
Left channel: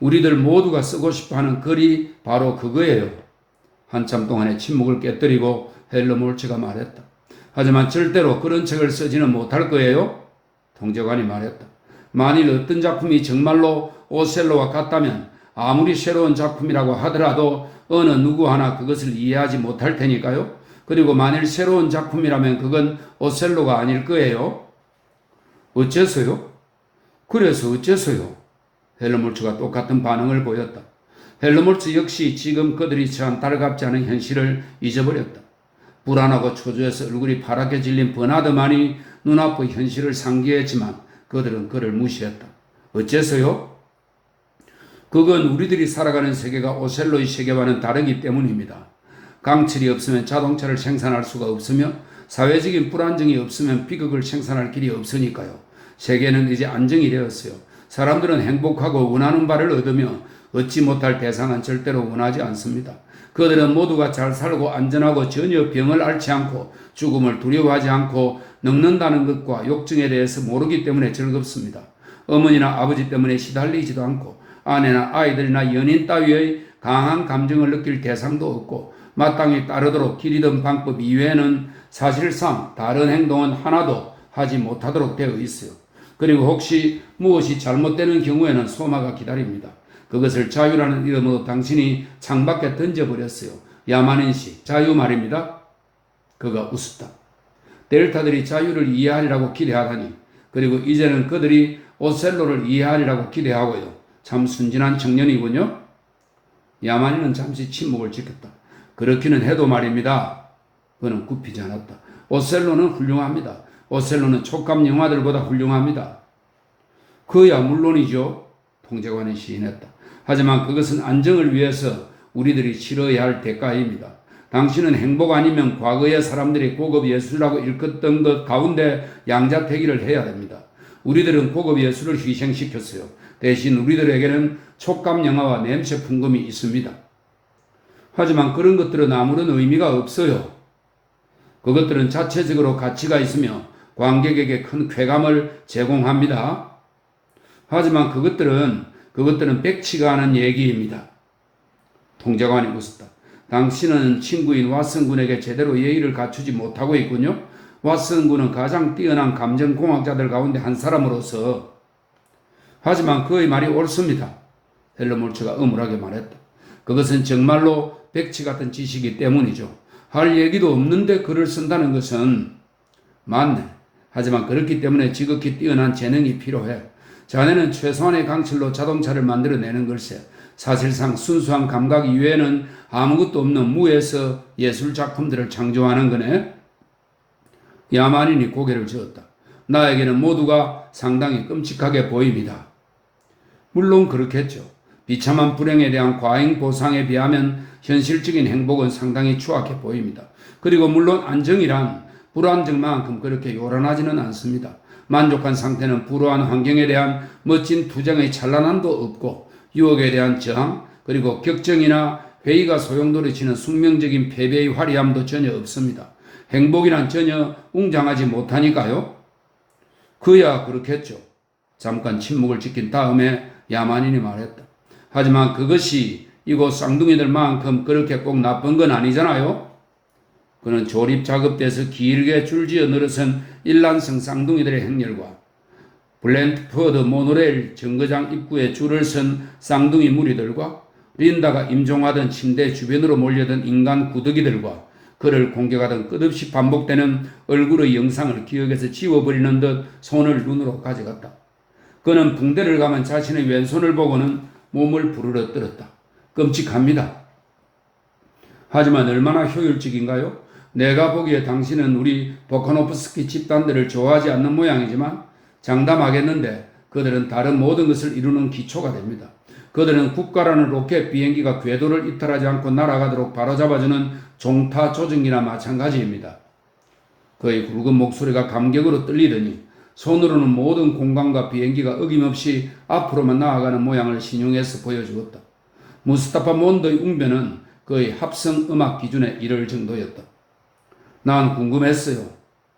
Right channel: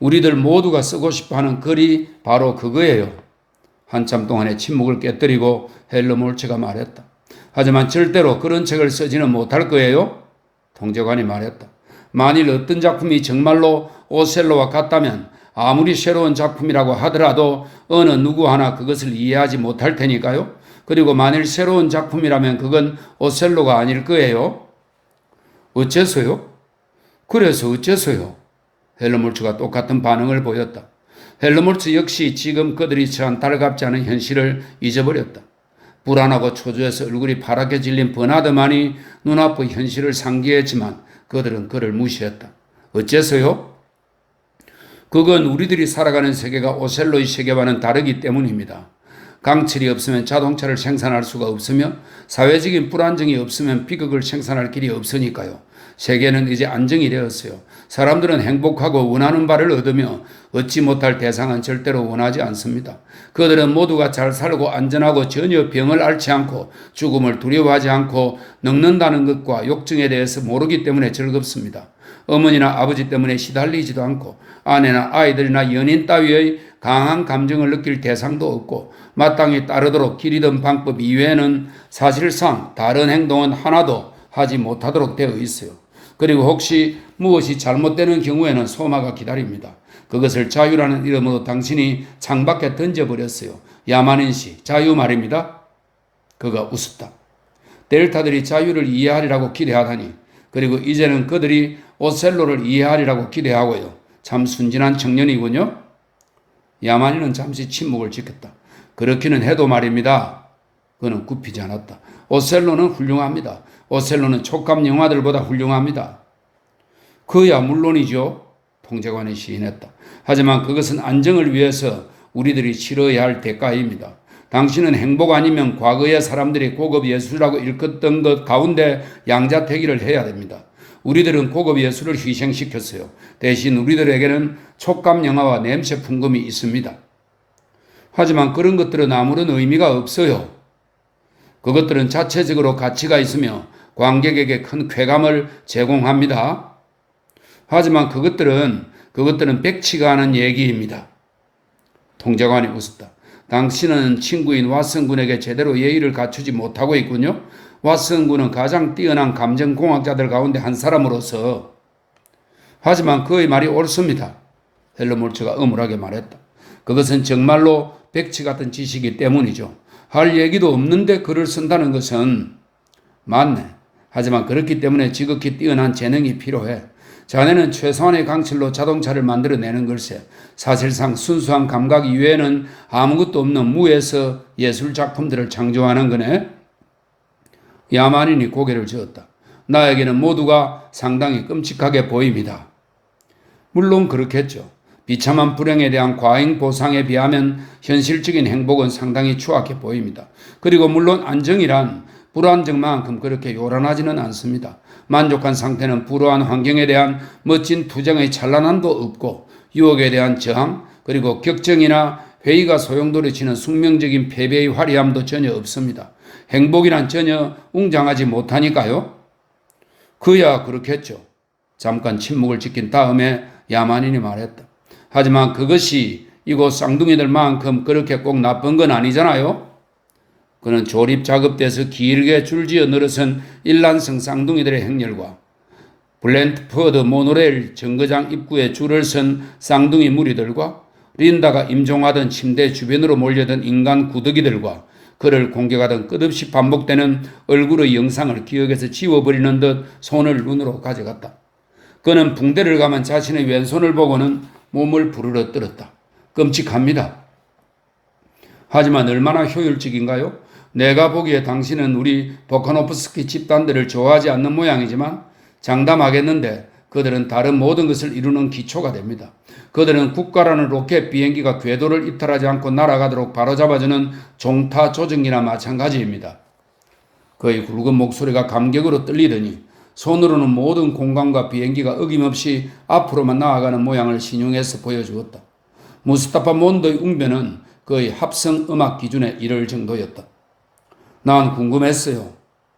우리들 모두가 쓰고 싶어하는 글이 바로 그거예요. 한참 동안의 침묵을 깨뜨리고 헬로몰츠가 말했다. 하지만 절대로 그런 책을 쓰지는 못할 거예요. 통제관이 말했다. 만일 어떤 작품이 정말로 오셀로와 같다면 아무리 새로운 작품이라고 하더라도 어느 누구 하나 그것을 이해하지 못할 테니까요. 그리고 만일 새로운 작품이라면 그건 오셀로가 아닐 거예요. 어째서요? 그래서 어째서요? 헬로몰츠가 똑같은 반응을 보였다. 헬로몰츠 역시 지금 그들이 처한 달갑지 않은 현실을 잊어버렸다. 불안하고 초조해서 얼굴이 파랗게 질린 버나드만이 눈앞의 현실을 상기했지만 그들은 그를 무시했다. 어째서요? 그건 우리들이 살아가는 세계가 오셀로의 세계와는 다르기 때문입니다. 강철이 없으면 자동차를 생산할 수가 없으며 사회적인 불안정이 없으면 비극을 생산할 길이 없으니까요. 세계는 이제 안정이 되었어요. 사람들은 행복하고 원하는 바를 얻으며 얻지 못할 대상은 절대로 원하지 않습니다. 그들은 모두가 잘 살고 안전하고 전혀 병을 앓지 않고 죽음을 두려워하지 않고 늙는다는 것과 욕정에 대해서 모르기 때문에 즐겁습니다. 어머니나 아버지 때문에 시달리지도 않고 아내나 아이들이나 연인 따위의 강한 감정을 느낄 대상도 없고 마땅히 따르도록 길이던 방법 이외에는 사실상 다른 행동은 하나도 하지 못하도록 되어 있어요. 그리고 혹시 무엇이 잘못되는 경우에는 소마가 기다립니다. 그것을 자유라는 이름으로 당신이 창밖에 던져버렸어요. 야만인 씨, 자유 말입니다. 그가 웃었다. 델타들이 자유를 이해하리라고 기대하다니. 그리고 이제는 그들이 오셀로를 이해하리라고 기대하고요. 참 순진한 청년이군요. 야만인은 잠시 침묵을 지켰다. 그렇기는 해도 말입니다. 그는 굽히지 않았다. 오셀로는 훌륭합니다. 오셀로는 촉감 영화들보다 훌륭합니다. 그야 물론이죠. 통제관이 시인했다. 하지만 그것은 안정을 위해서 우리들이 치러야 할 대가입니다. 당신은 행복 아니면 과거의 사람들이 고급 예술이라고 일컫던 것 가운데 양자택일을 해야 됩니다. 우리들은 고급 예술을 희생시켰어요. 대신 우리들에게는 촉감 영화와 냄새 풍금이 있습니다. 하지만 그런 것들은 아무런 의미가 없어요. 그것들은 자체적으로 가치가 있으며 관객에게 큰 쾌감을 제공합니다. 하지만 그것들은 백치가 않은 얘기입니다. 통제관이 웃었다. 당신은 친구인 왓슨 군에게 제대로 예의를 갖추지 못하고 있군요. 왓슨 군은 가장 뛰어난 감정공학자들 가운데 한 사람으로서 하지만 그의 말이 옳습니다. 헬머홀츠가 엄울하게 말했다. 그것은 정말로 백치 같은 지식이 때문이죠. 할 얘기도 없는데 글을 쓴다는 것은 맞네. 하지만 그렇기 때문에 지극히 뛰어난 재능이 필요해. 자네는 최소한의 강철로 자동차를 만들어내는 걸세. 사실상 순수한 감각 이외에는 아무것도 없는 무에서 예술 작품들을 창조하는 거네. 야만인이 고개를 저었다. 나에게는 모두가 상당히 끔찍하게 보입니다. 물론 그렇겠죠. 비참한 불행에 대한 과잉 보상에 비하면 현실적인 행복은 상당히 추악해 보입니다. 그리고 물론 안정이란 불안정만큼 그렇게 요란하지는 않습니다. 만족한 상태는 불우한 환경에 대한 멋진 투쟁의 찬란함도 없고 유혹에 대한 저항 그리고 격정이나 회의가 소용돌이치는 숙명적인 패배의 화려함도 전혀 없습니다. 행복이란 전혀 웅장하지 못하니까요. 그야 그렇겠죠. 잠깐 침묵을 지킨 다음에 야만인이 말했다. 하지만 그것이 이곳 쌍둥이들만큼 그렇게 꼭 나쁜 건 아니잖아요. 그는 조립 작업대에서 길게 줄지어 늘어선 일란성 쌍둥이들의 행렬과 블렌트퍼드 모노레일 정거장 입구에 줄을 선 쌍둥이 무리들과 린다가 임종하던 침대 주변으로 몰려든 인간 구더기들과 그를 공격하던 끝없이 반복되는 얼굴의 영상을 기억에서 지워버리는 듯 손을 눈으로 가져갔다. 그는 붕대를 감은 자신의 왼손을 보고는 몸을 부르러 떨었다. 끔찍합니다. 하지만 얼마나 효율적인가요? 내가 보기에 당신은 우리 보카노프스키 집단들을 좋아하지 않는 모양이지만 장담하겠는데 그들은 다른 모든 것을 이루는 기초가 됩니다. 그들은 국가라는 로켓 비행기가 궤도를 이탈하지 않고 날아가도록 바로잡아주는 종타 조정기나 마찬가지입니다. 그의 굵은 목소리가 감격으로 떨리더니 손으로는 모든 공간과 비행기가 어김없이 앞으로만 나아가는 모양을 신용해서 보여주었다. 무스타파 몬드의 웅변은 그의 합성 음악 기준에 이를 정도였다. 난 궁금했어요.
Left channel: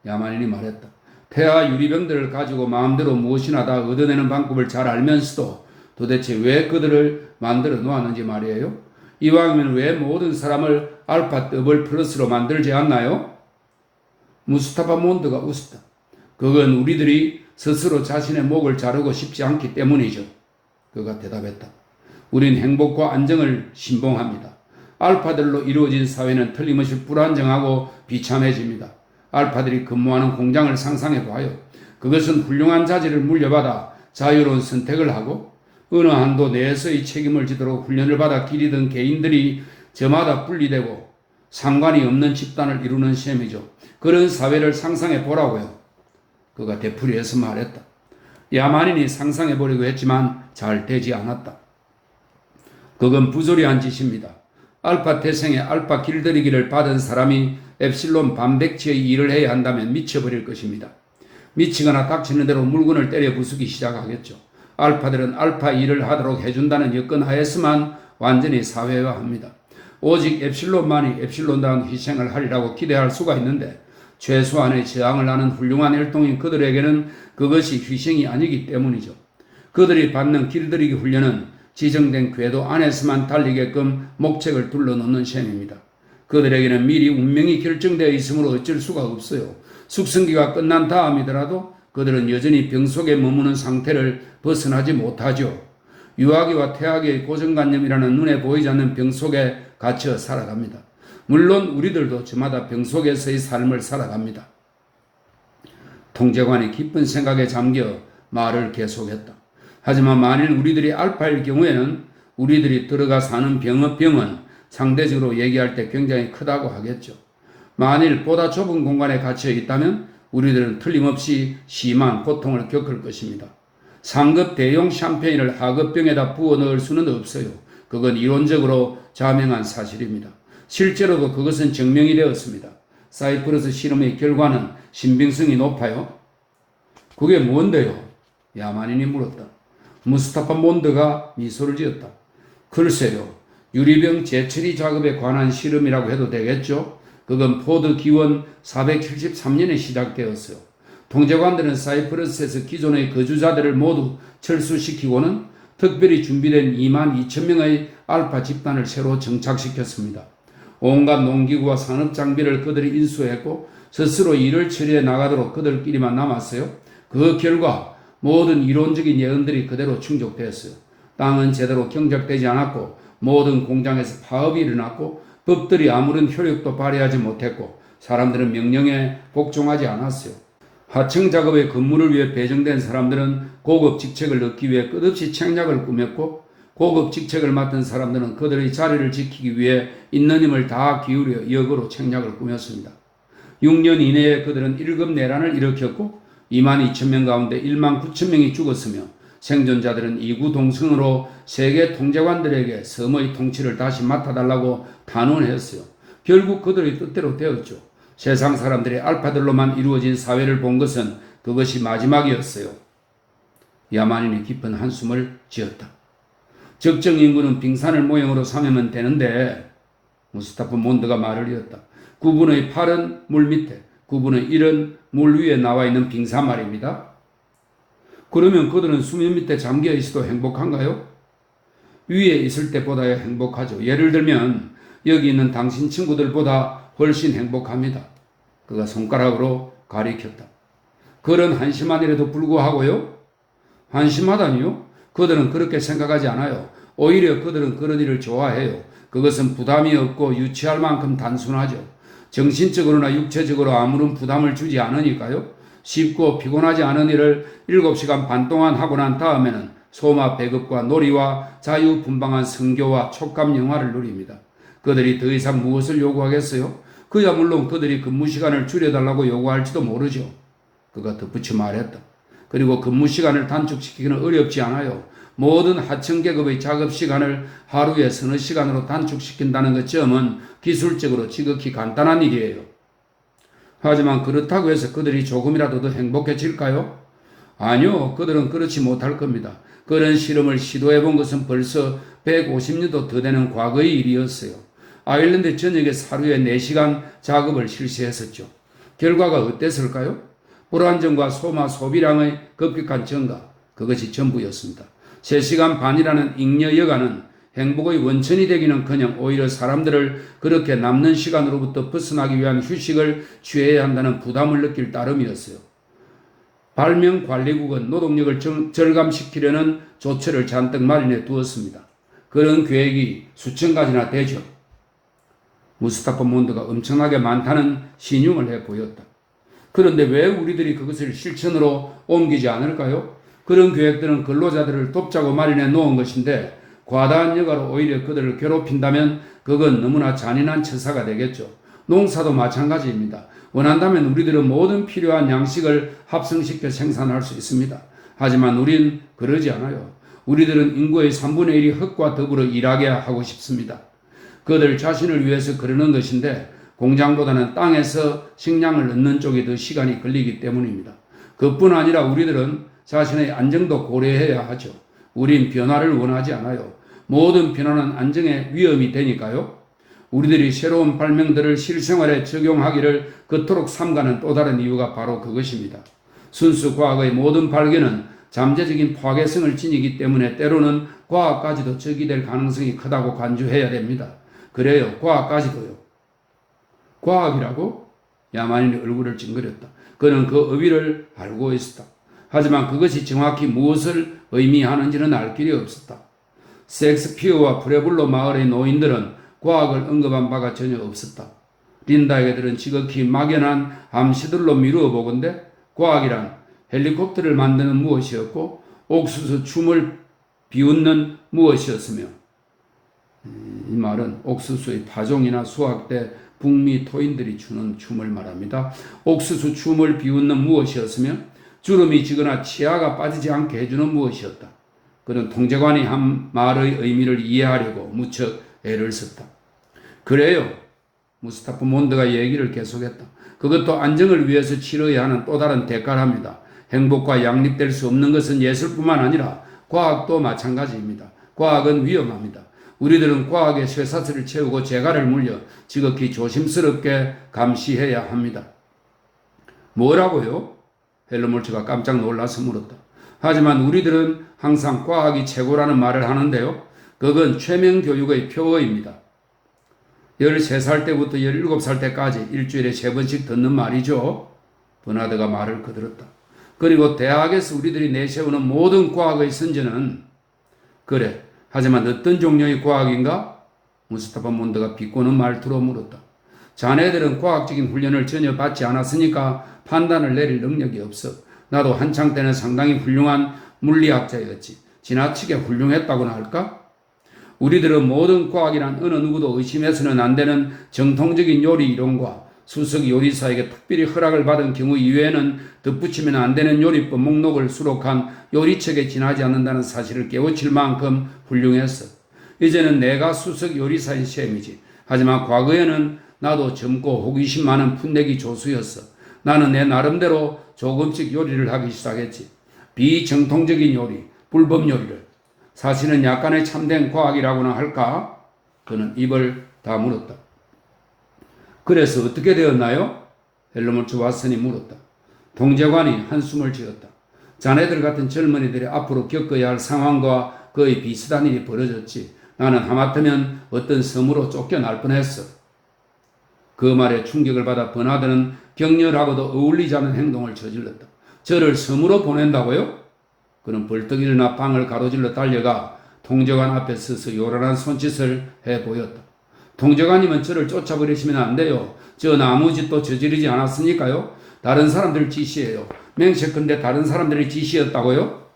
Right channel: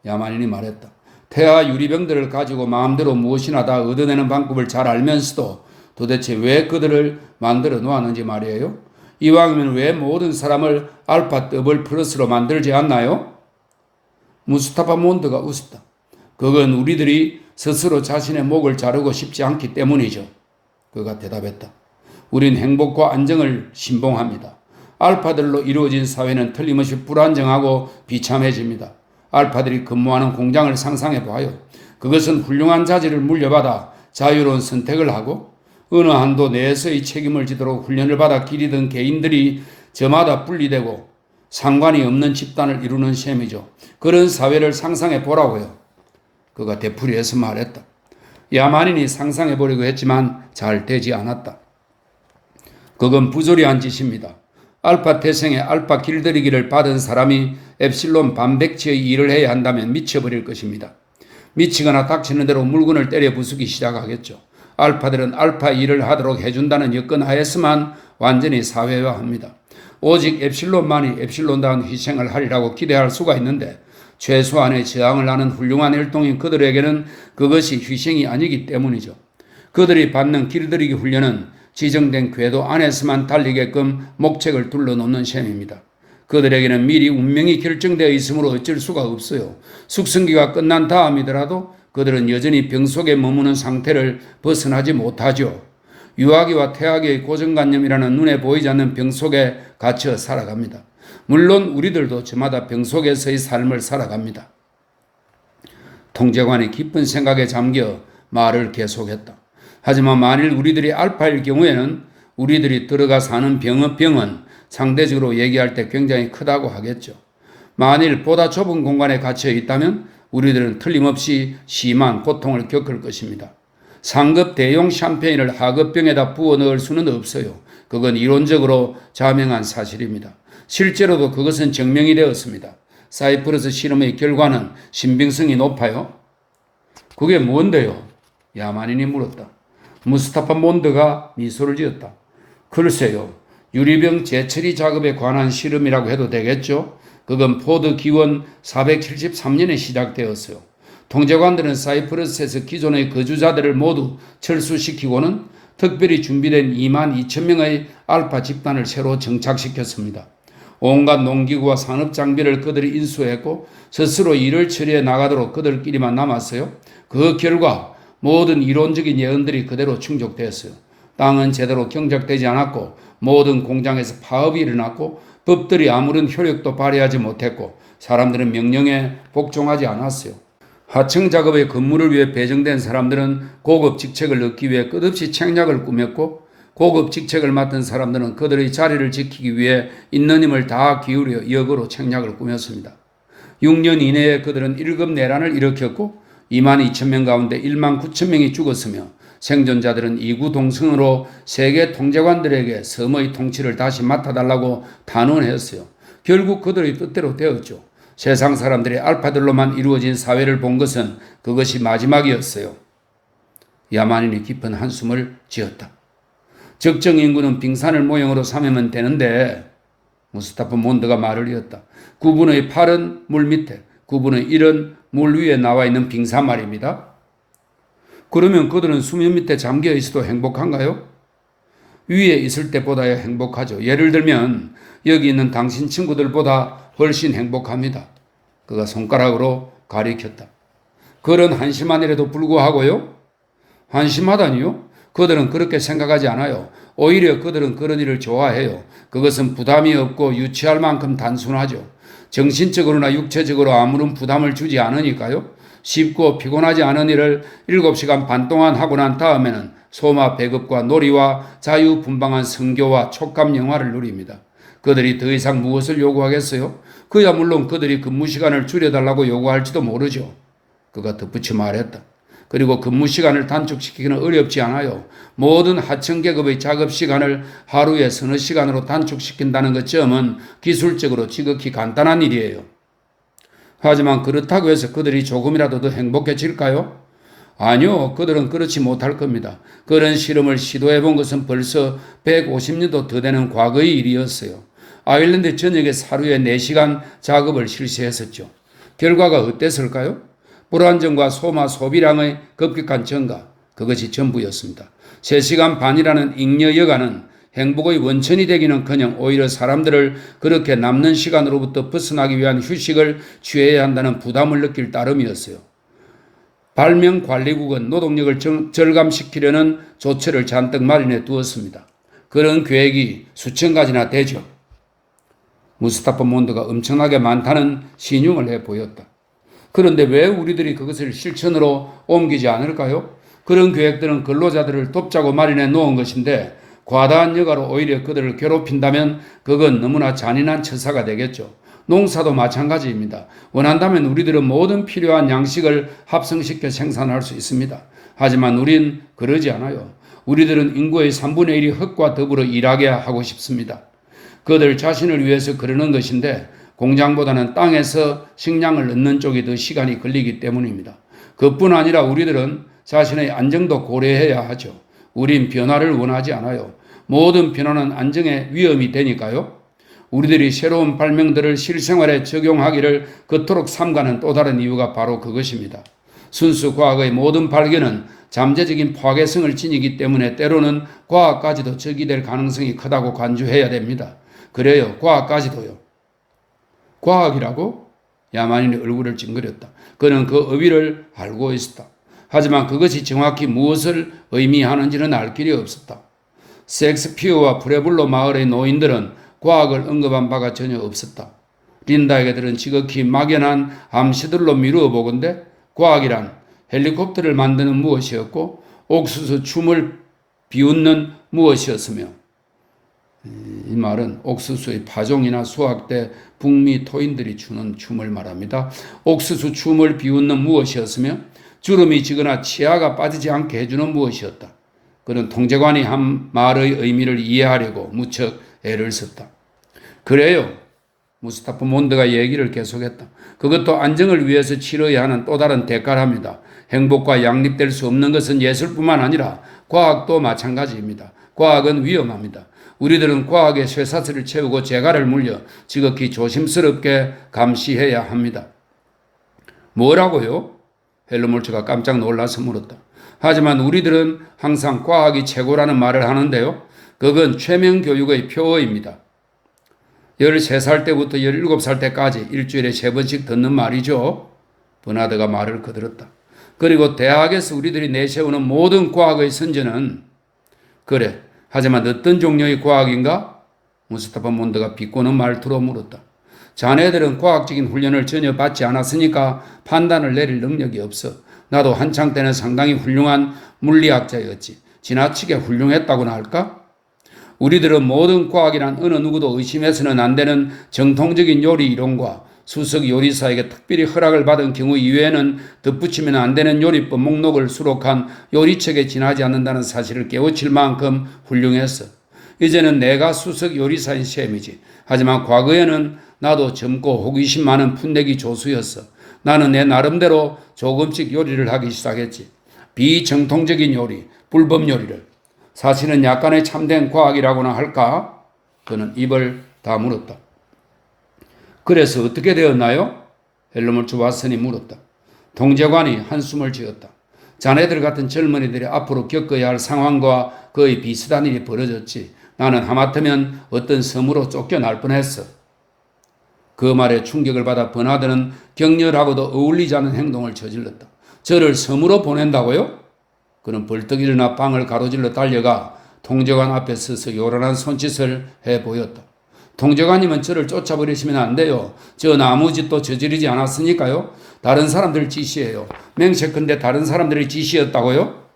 야만인이 말했다. 태아 유리병들을 가지고 마음대로 무엇이나 다 얻어내는 방법을 잘 알면서도 도대체 왜 그들을 만들어 놓았는지 말이에요. 이왕이면 왜 모든 사람을 알파 더블 플러스로 만들지 않나요? 무스타파 몬드가 웃었다. 그건 우리들이 스스로 자신의 목을 자르고 싶지 않기 때문이죠. 그가 대답했다. 우린 행복과 안정을 신봉합니다. 알파들로 이루어진 사회는 틀림없이 불안정하고 비참해집니다. 알파들이 근무하는 공장을 상상해봐요. 그것은 훌륭한 자질을 물려받아 자유로운 선택을 하고 어느 한도 내에서의 책임을 지도록 훈련을 받아 기리던 개인들이 저마다 분리되고 상관이 없는 집단을 이루는 셈이죠. 그런 사회를 상상해보라고요. 그가 되풀이해서 말했다. 야만인이 상상해보려고 했지만 잘 되지 않았다. 그건 부조리한 짓입니다. 알파 태생의 알파 길들이기를 받은 사람이 엡실론 반백치의 일을 해야 한다면 미쳐버릴 것입니다. 미치거나 닥치는 대로 물건을 때려 부수기 시작하겠죠. 알파들은 알파 일을 하도록 해준다는 여건 하에서만 완전히 사회화합니다. 오직 엡실론만이 엡실론다운 희생을 하리라고 기대할 수가 있는데 최소한의 저항을 하는 훌륭한 혈통인 그들에게는 그것이 희생이 아니기 때문이죠. 그들이 받는 길들이기 훈련은 지정된 궤도 안에서만 달리게끔 목책을 둘러놓는 셈입니다. 그들에게는 미리 운명이 결정되어 있으므로 어쩔 수가 없어요. 숙성기가 끝난 다음이더라도 그들은 여전히 병 속에 머무는 상태를 벗어나지 못하죠. 유아기와 태아기의 고정관념이라는 눈에 보이지 않는 병 속에 갇혀 살아갑니다. 물론 우리들도 저마다 병 속에서의 삶을 살아갑니다. 통제관이 깊은 생각에 잠겨 말을 계속했다. 하지만 만일 우리들이 알파일 경우에는 우리들이 들어가 사는 병은 상대적으로 얘기할 때 굉장히 크다고 하겠죠. 만일 보다 좁은 공간에 갇혀 있다면 우리들은 틀림없이 심한 고통을 겪을 것입니다. 상급 대용 샴페인을 하급병에다 부어 넣을 수는 없어요. 그건 이론적으로 자명한 사실입니다. 실제로도 그것은 증명이 되었습니다. 사이프러스 실험의 결과는 신빙성이 높아요. 그게 뭔데요? 야만인이 물었다. 무스타파 몬드가 미소를 지었다. 글쎄요. 유리병 재처리 작업에 관한 실험이라고 해도 되겠죠? 그건 포드 기원 473년에 시작되었어요. 통제관들은 사이프러스에서 기존의 거주자들을 모두 철수시키고는 특별히 준비된 2만 2천 명의 알파 집단을 새로 정착시켰습니다. 온갖 농기구와 산업장비를 그들이 인수했고 스스로 일을 처리해 나가도록 그들끼리만 남았어요. 그 결과 모든 이론적인 예언들이 그대로 충족되었어요. 땅은 제대로 경작되지 않았고 모든 공장에서 파업이 일어났고 법들이 아무런 효력도 발휘하지 못했고 사람들은 명령에 복종하지 않았어요. 하청 작업의 근무를 위해 배정된 사람들은 고급 직책을 얻기 위해 끝없이 책략을 꾸몄고 고급 직책을 맡은 사람들은 그들의 자리를 지키기 위해 있는 힘을 다 기울여 역으로 책략을 꾸몄습니다. 6년 이내에 그들은 1급 내란을 일으켰고 2만 2천 명 가운데 1만 9천 명이 죽었으며 생존자들은 이구동성으로 세계 통제관들에게 섬의 통치를 다시 맡아달라고 단언했어요. 결국 그들의 뜻대로 되었죠. 세상 사람들이 알파들로만 이루어진 사회를 본 것은 그것이 마지막이었어요. 야만인이 깊은 한숨을 지었다. 적정 인구는 빙산을 모형으로 삼으면 되는데 무스타프 몬드가 말을 이었다. 9분의 8은 물 밑에, 9분의 1은 물 위에 나와 있는 빙산 말입니다. 그러면 그들은 수면 밑에 잠겨 있어도 행복한가요? 위에 있을 때보다야 행복하죠. 예를 들면 여기 있는 당신 친구들보다 훨씬 행복합니다. 그가 손가락으로 가리켰다. 그런 한심한일에도 불구하고요. 한심하다니요? 그들은 그렇게 생각하지 않아요. 오히려 그들은 그런 일을 좋아해요. 그것은 부담이 없고 유치할 만큼 단순하죠. 정신적으로나 육체적으로 아무런 부담을 주지 않으니까요. 쉽고 피곤하지 않은 일을 7시간 반 동안 하고 난 다음에는 소마 배급과 놀이와 자유분방한 성교와 촉감 영화를 누립니다. 그들이 더 이상 무엇을 요구하겠어요? 그야 물론 그들이 근무 시간을 줄여달라고 요구할지도 모르죠. 그가 덧붙여 말했다. 그리고 근무 시간을 단축시키기는 어렵지 않아요. 모든 하청 계급의 작업 시간을 하루에 서너 시간으로 단축시킨다는 것쯤은 기술적으로 지극히 간단한 일이에요. 하지만 그렇다고 해서 그들이 조금이라도 더 행복해질까요? 아니요, 그들은 그렇지 못할 겁니다. 그런 실험을 시도해 본 것은 벌써 150년도 더 되는 과거의 일이었어요. 아일랜드 전역에 하루에 4시간 작업을 실시했었죠. 결과가 어땠을까요? 불안정과 소마 소비량의 급격한 증가, 그것이 전부였습니다. 3시간 반이라는 잉여 여가는 행복의 원천이 되기는커녕 오히려 사람들을 그렇게 남는 시간으로부터 벗어나기 위한 휴식을 취해야 한다는 부담을 느낄 따름이었어요. 발명관리국은 노동력을 절감시키려는 조처를 잔뜩 마련해 두었습니다. 그런 계획이 수천 가지나 되죠. 무스타파 몬드가 엄청나게 많다는 신용을 해 보였다. 그런데 왜 우리들이 그것을 실천으로 옮기지 않을까요? 그런 계획들은 근로자들을 돕자고 마련해 놓은 것인데 과다한 여가로 오히려 그들을 괴롭힌다면 그건 너무나 잔인한 처사가 되겠죠. 농사도 마찬가지입니다. 원한다면 우리들은 모든 필요한 양식을 합성시켜 생산할 수 있습니다. 하지만 우린 그러지 않아요. 우리들은 인구의 3분의 1이 흙과 더불어 일하게 하고 싶습니다. 그들 자신을 위해서 그러는 것인데 공장보다는 땅에서 식량을 얻는 쪽이 더 시간이 걸리기 때문입니다. 그뿐 아니라 우리들은 자신의 안정도 고려해야 하죠. 우린 변화를 원하지 않아요. 모든 변화는 안정에 위험이 되니까요. 우리들이 새로운 발명들을 실생활에 적용하기를 그토록 삼가는 또 다른 이유가 바로 그것입니다. 순수 과학의 모든 발견은 잠재적인 파괴성을 지니기 때문에 때로는 과학까지도 적이 될 가능성이 크다고 간주해야 됩니다. 그래요, 과학까지도요. 과학이라고? 야만인이 얼굴을 찡그렸다. 그는 그 의미를 알고 있었다. 하지만 그것이 정확히 무엇을 의미하는지는 알 길이 없었다. 섹스피어와 프레블로 마을의 노인들은 과학을 언급한 바가 전혀 없었다. 린다에게들은 지극히 막연한 암시들로 미루어 보건대 과학이란 헬리콥터를 만드는 무엇이었고 옥수수 춤을 비웃는 무엇이었으며, 이 말은 옥수수의 파종이나 수확 때 북미 토인들이 추는 춤을 말합니다. 옥수수 춤을 비웃는 무엇이었으며 주름이 지거나 치아가 빠지지 않게 해주는 무엇이었다. 그는 통제관이 한 말의 의미를 이해하려고 무척 애를 썼다. 그래요. 무스타프 몬드가 얘기를 계속했다. 그것도 안정을 위해서 치러야 하는 또 다른 대가랍니다. 행복과 양립될 수 없는 것은 예술뿐만 아니라 과학도 마찬가지입니다. 과학은 위험합니다. 우리들은 과학의 쇠사슬을 채우고 재갈을 물려 지극히 조심스럽게 감시해야 합니다. 뭐라고요? 헬르몰츠가 깜짝 놀라서 물었다. 하지만 우리들은 항상 과학이 최고라는 말을 하는데요. 그건 최면 교육의 표어입니다. 13살 때부터 17살 때까지 일주일에 3번씩 듣는 말이죠. 버나드가 말을 거들었다. 그리고 대학에서 우리들이 내세우는 모든 과학의 선전은 그래. 하지만 어떤 종류의 과학인가? 무스타파 몬드가 비꼬는 말투로 물었다. 자네들은 과학적인 훈련을 전혀 받지 않았으니까 판단을 내릴 능력이 없어. 나도 한창 때는 상당히 훌륭한 물리학자였지. 지나치게 훌륭했다고나 할까? 우리들은 모든 과학이란 어느 누구도 의심해서는 안 되는 정통적인 요리 이론과 수석 요리사에게 특별히 허락을 받은 경우 이외에는 덧붙이면 안 되는 요리법 목록을 수록한 요리책에 지나지 않는다는 사실을 깨우칠 만큼 훌륭했어. 이제는 내가 수석 요리사인 셈이지. 하지만 과거에는 나도 젊고 호기심 많은 풋내기 조수였어. 나는 내 나름대로 조금씩 요리를 하기 시작했지. 비정통적인 요리, 불법 요리를. 사실은 약간의 참된 과학이라고나 할까? 그는 입을 다물었다. 그래서 어떻게 되었나요? 헬머hol츠 왓슨이 물었다. 통제관이 한숨을 지었다. 자네들 같은 젊은이들이 앞으로 겪어야 할 상황과 거의 비슷한 일이 벌어졌지. 나는 하마터면 어떤 섬으로 쫓겨날 뻔했어. 그 말에 충격을 받아 버나드는 격렬하고도 어울리지 않는 행동을 저질렀다. 저를 섬으로 보낸다고요? 그는 벌떡 일어나 방을 가로질러 달려가 통제관 앞에 서서 요란한 손짓을 해 보였다. 통제관님은 저를 쫓아버리시면 안 돼요. 전 아무 짓도 저지르지 않았으니까요. 다른 사람들 지시예요. 맹세컨대 다른 사람들의 지시였다고요?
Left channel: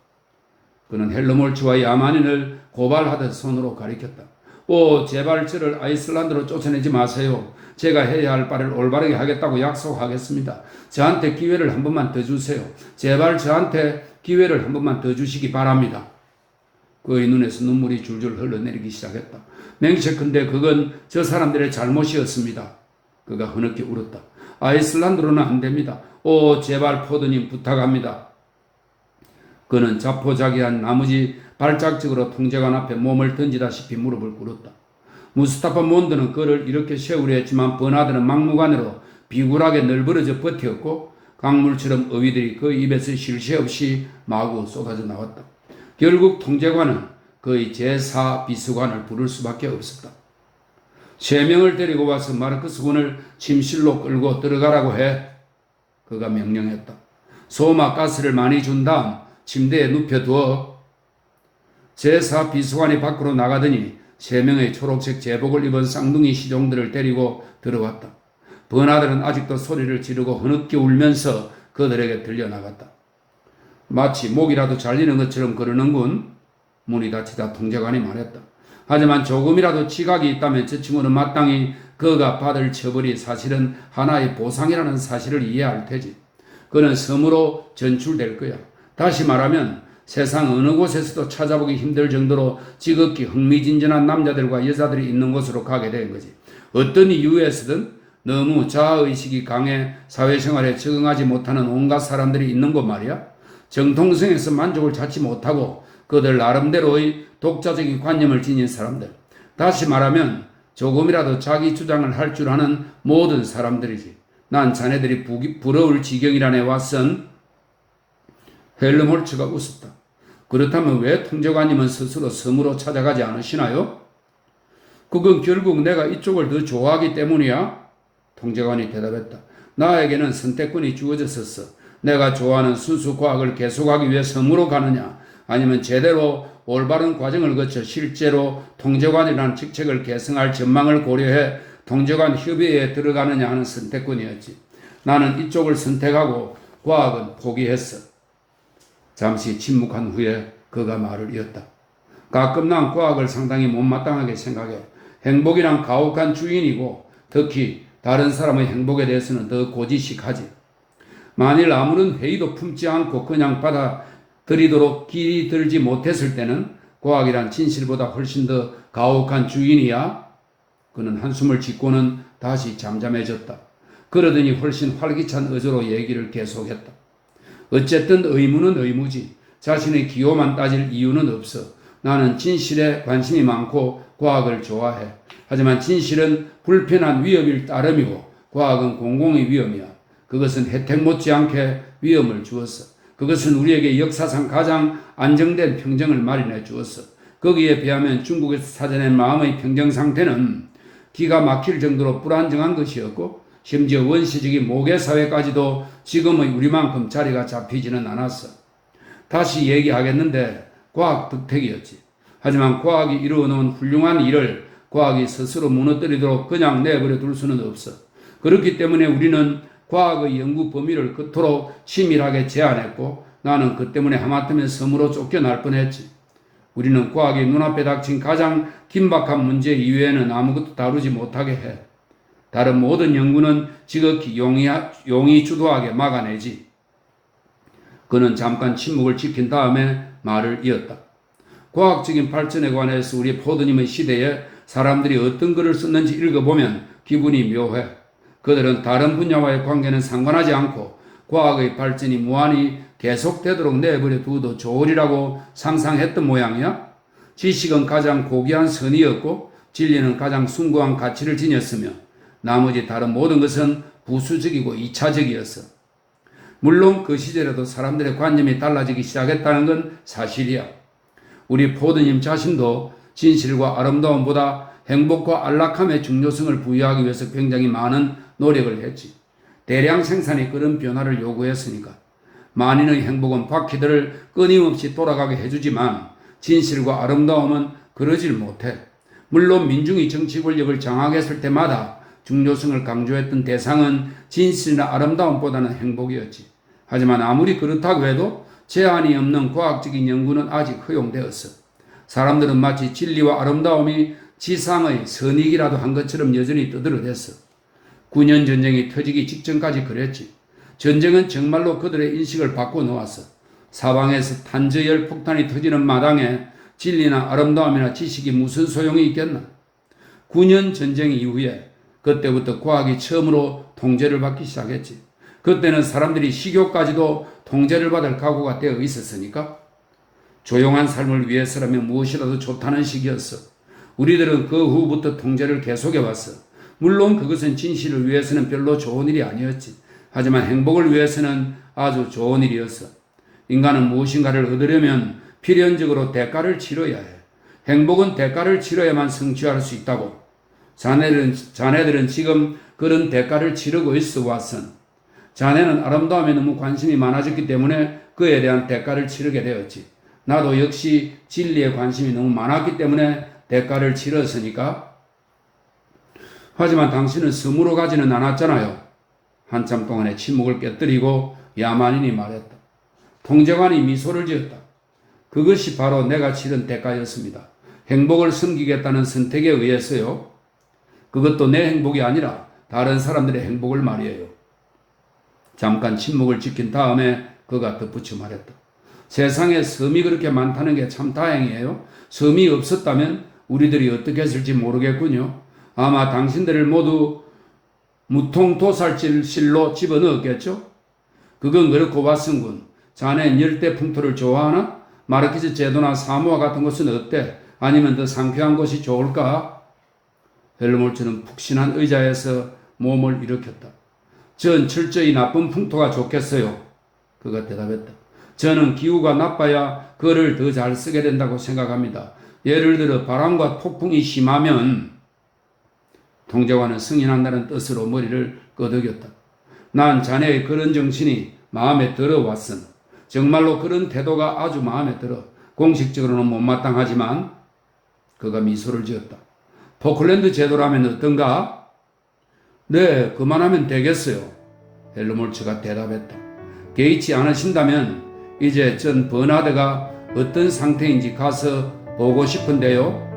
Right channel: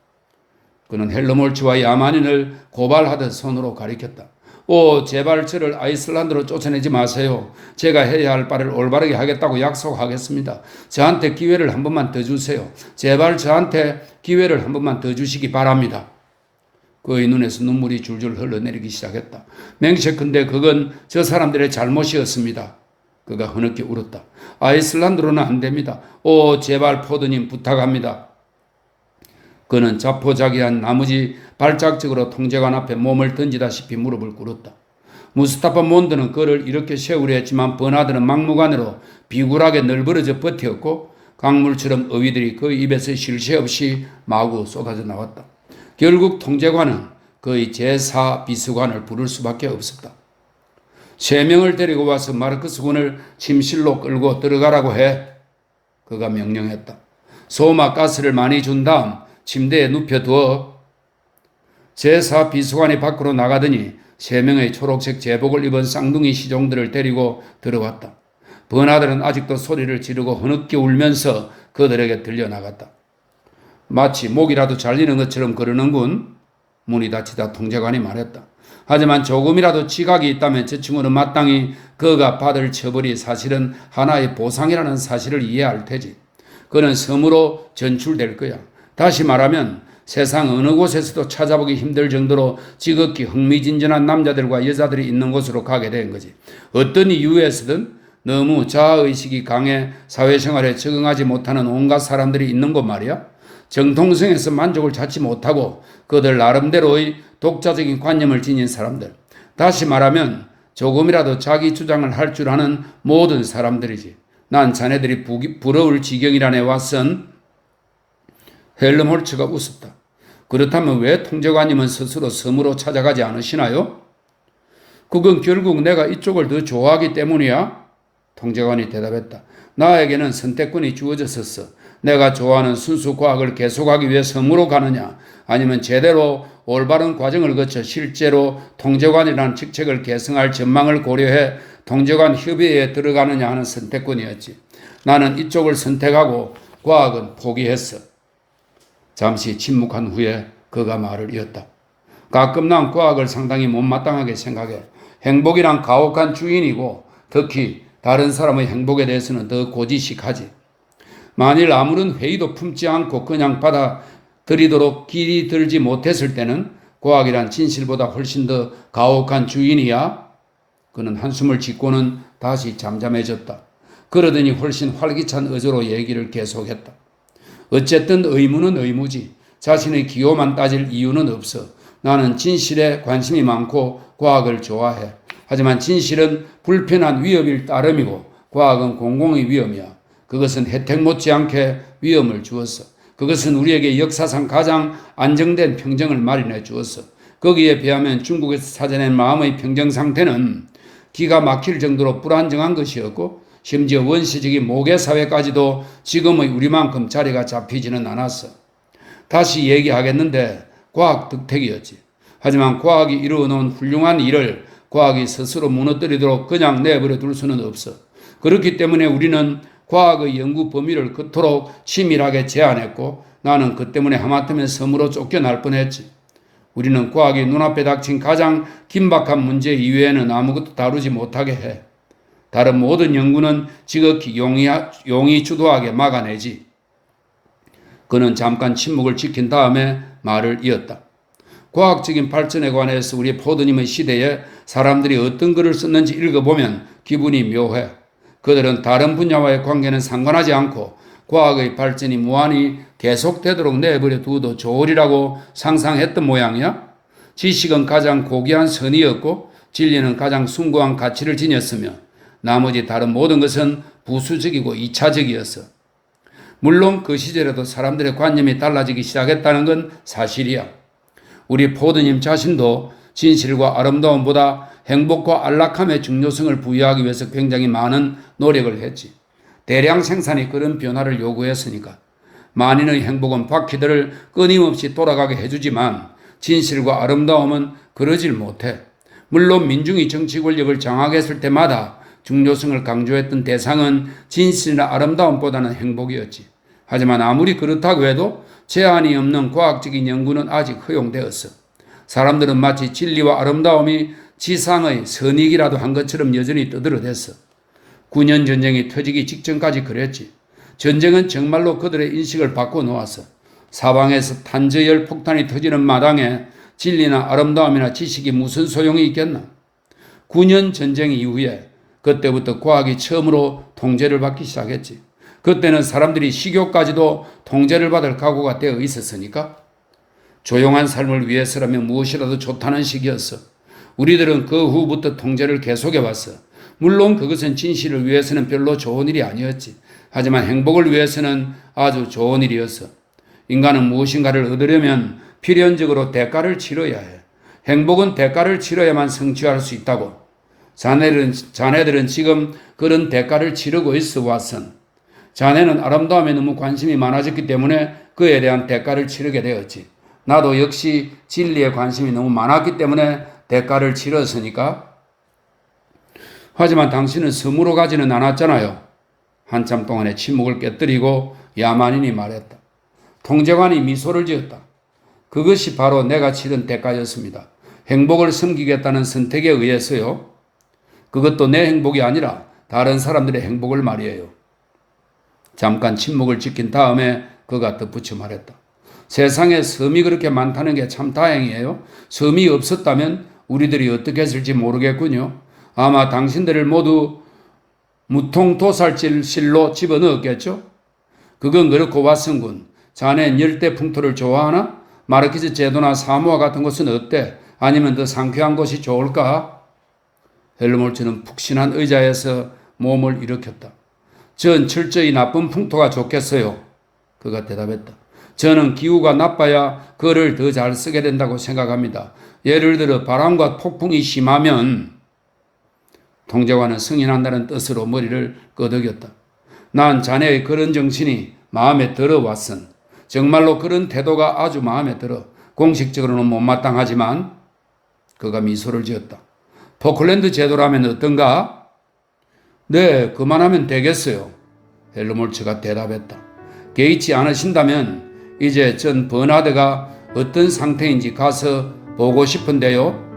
그는 헬머hol츠와 야만인을 고발하듯 손으로 가리켰다. 오, 제발 저를 아이슬란드로 쫓아내지 마세요. 제가 해야 할 바를 올바르게 하겠다고 약속하겠습니다. 저한테 기회를 한 번만 더 주세요. 제발 저한테 기회를 한 번만 더 주시기 바랍니다. 그의 눈에서 눈물이 줄줄 흘러내리기 시작했다. 맹세컨대 그건 저 사람들의 잘못이었습니다. 그가 흐느끼 울었다. 아이슬란드로는 안 됩니다. 오, 제발 포드님 부탁합니다. 그는 자포자기한 나머지 발작적으로 통제관 앞에 몸을 던지다시피 무릎을 꿇었다. 무스타파 몬드는 그를 이렇게 세우려 했지만 버나드는 막무가내로 비굴하게 널브러져 버텼고 강물처럼 어휘들이 그 입에서 쉴 새 없이 마구 쏟아져 나왔다. 결국 통제관은 그의 제4 비서관을 부를 수밖에 없었다. 3명을 데리고 와서 마르크스 군을 침실로 끌고 들어가라고 해. 그가 명령했다. 소마 가스를 많이 준 다음 침대에 눕혀두어. 제4 비서관이 밖으로 나가더니 3명의 초록색 제복을 입은 쌍둥이 시종들을 데리고 들어왔다. 버나드는 아직도 소리를 지르고 흐느끼 울면서 그들에게 들려나갔다. 마치 목이라도 잘리는 것처럼 그러는군. 문이 닫히다 통제관이 말했다. 하지만 조금이라도 지각이 있다면 저 친구는 마땅히 그가 받을 처벌이 사실은 하나의 보상이라는 사실을 이해할 테지. 그는 섬으로 전출될 거야. 다시 말하면 세상 어느 곳에서도 찾아보기 힘들 정도로 지극히 흥미진진한 남자들과 여자들이 있는 곳으로 가게 된 거지. 어떤 이유에서든 너무 자아의식이 강해 사회생활에 적응하지 못하는 온갖 사람들이 있는 곳 말이야. 정통성에서 만족을 찾지 못하고 그들 나름대로의 독자적인 관념을 지닌 사람들. 다시 말하면 조금이라도 자기 주장을 할 줄 아는 모든 사람들이지. 난 자네들이 부러울 지경이라네 왓슨. 헬머hol츠가 웃었다. 그렇다면 왜 통제관님은 스스로 섬으로 찾아가지 않으시나요? 그건 결국 내가 이쪽을 더 좋아하기 때문이야. 통제관이 대답했다. 나에게는 선택권이 주어졌었어. 내가 좋아하는 순수 과학을 계속하기 위해 섬으로 가느냐, 아니면 제대로 올바른 과정을 거쳐 실제로 통제관이라는 직책을 계승할 전망을 고려해 통제관 협의회에 들어가느냐 하는 선택권이었지. 나는 이쪽을 선택하고 과학은 포기했어. 잠시 침묵한 후에 그가 말을 이었다. 가끔 난 과학을 상당히 못마땅하게 생각해. 행복이란 가혹한 주인이고 특히 다른 사람의 행복에 대해서는 더 고지식하지. 만일 아무런 회의도 품지 않고 그냥 받아들이도록 길이 들지 못했을 때는 과학이란 진실보다 훨씬 더 가혹한 주인이야. 그는 한숨을 짓고는 다시 잠잠해졌다. 그러더니 훨씬 활기찬 어조로 얘기를 계속했다. 어쨌든 의무는 의무지. 자신의 기호만 따질 이유는 없어. 나는 진실에 관심이 많고 과학을 좋아해. 하지만 진실은 불편한 위협일 따름이고 과학은 공공의 위험이야. 그것은 혜택 못지않게 위험을 주었어. 그것은 우리에게 역사상 가장 안정된 평정을 마련해 주었어. 거기에 비하면 중국에서 찾아낸 마음의 평정 상태는 기가 막힐 정도로 불안정한 것이었고 심지어 원시적인 모계사회까지도 지금의 우리만큼 자리가 잡히지는 않았어. 다시 얘기하겠는데 과학 덕택이었지. 하지만 과학이 이루어놓은 훌륭한 일을 과학이 스스로 무너뜨리도록 그냥 내버려 둘 수는 없어. 그렇기 때문에 우리는 과학의 연구 범위를 그토록 치밀하게 제한했고 나는 그 때문에 하마터면 섬으로 쫓겨날 뻔했지. 우리는 과학이 눈앞에 닥친 가장 긴박한 문제 이외에는 아무것도 다루지 못하게 해. 다른 모든 연구는 지극히 용이 주도하게 막아내지. 그는 잠깐 침묵을 지킨 다음에 말을 이었다. 과학적인 발전에 관해서 우리 포드님의 시대에 사람들이 어떤 글을 썼는지 읽어보면 기분이 묘해. 그들은 다른 분야와의 관계는 상관하지 않고 과학의 발전이 무한히 계속되도록 내버려 두어도 좋으리라고 상상했던 모양이야. 지식은 가장 고귀한 선의였고 진리는 가장 숭고한 가치를 지녔으며 나머지 다른 모든 것은 부수적이고 2차적이었어. 물론 그 시절에도 사람들의 관념이 달라지기 시작했다는 건 사실이야. 우리 포드님 자신도 진실과 아름다움보다 행복과 안락함의 중요성을 부여하기 위해서 굉장히 많은 노력을 했지. 대량 생산이 그런 변화를 요구했으니까. 만인의 행복은 바퀴들을 끊임없이 돌아가게 해주지만 진실과 아름다움은 그러질 못해. 물론 민중이 정치 권력을 장악했을 때마다 중요성을 강조했던 대상은 진실이나 아름다움보다는 행복이었지. 하지만 아무리 그렇다고 해도 제한이 없는 과학적인 연구는 아직 허용되었어. 사람들은 마치 진리와 아름다움이 지상의 선익이라도 한 것처럼 여전히 떠들어댔어. 9년 전쟁이 터지기 직전까지 그랬지. 전쟁은 정말로 그들의 인식을 바꿔놓았어. 사방에서 탄저열 폭탄이 터지는 마당에 진리나 아름다움이나 지식이 무슨 소용이 있겠나. 9년 전쟁 이후에 그때부터 과학이 처음으로 통제를 받기 시작했지. 그때는 사람들이 식욕까지도 통제를 받을 각오가 되어 있었으니까. 조용한 삶을 위해서라면 무엇이라도 좋다는 시기였어. 우리들은 그 후부터 통제를 계속해왔어. 물론 그것은 진실을 위해서는 별로 좋은 일이 아니었지. 하지만 행복을 위해서는 아주 좋은 일이었어. 인간은 무엇인가를 얻으려면 필연적으로 대가를 치러야 해. 행복은 대가를 치러야만 성취할 수 있다고. 자네들은 지금 그런 대가를 치르고 있어, 왓슨. 자네는 아름다움에 너무 관심이 많아졌기 때문에 그에 대한 대가를 치르게 되었지. 나도 역시 진리에 관심이 너무 많았기 때문에 대가를 치렀으니까. 하지만 당신은 섬으로 가지는 않았잖아요. 한참 동안의 침묵을 깨뜨리고 야만인이 말했다. 통제관이 미소를 지었다. 그것이 바로 내가 치른 대가였습니다. 행복을 섬기겠다는 선택에 의해서요. 그것도 내 행복이 아니라 다른 사람들의 행복을 말이에요. 잠깐 침묵을 지킨 다음에 그가 덧붙여 말했다. 세상에 섬이 그렇게 많다는 게 참 다행이에요. 섬이 없었다면 우리들이 어떻게 했을지 모르겠군요. 아마 당신들을 모두 무통도살실로 집어넣었겠죠? 그건 그렇고 왓슨군. 자넨 열대 풍토를 좋아하나? 마르키즈 제도나 사모아 같은 곳은 어때? 아니면 더 상쾌한 곳이 좋을까? 헬무트는 푹신한 의자에서 몸을 일으켰다. 전 철저히 나쁜 풍토가 좋겠어요. 그가 대답했다. 저는 기후가 나빠야 글을 더 잘 쓰게 된다고 생각합니다. 예를 들어 바람과 폭풍이 심하면 통제관은 승인한다는 뜻으로 머리를 끄덕였다. 난 자네의 그런 정신이 마음에 들어 왓슨. 정말로 그런 태도가 아주 마음에 들어. 공식적으로는 못마땅하지만 그가 미소를 지었다. 포클랜드 제도라면 어떤가? 네, 그만하면 되겠어요. 헬무트가 대답했다. 개의치 않으신다면 이제 전 버나드가 어떤 상태인지 가서 보고 싶은데요.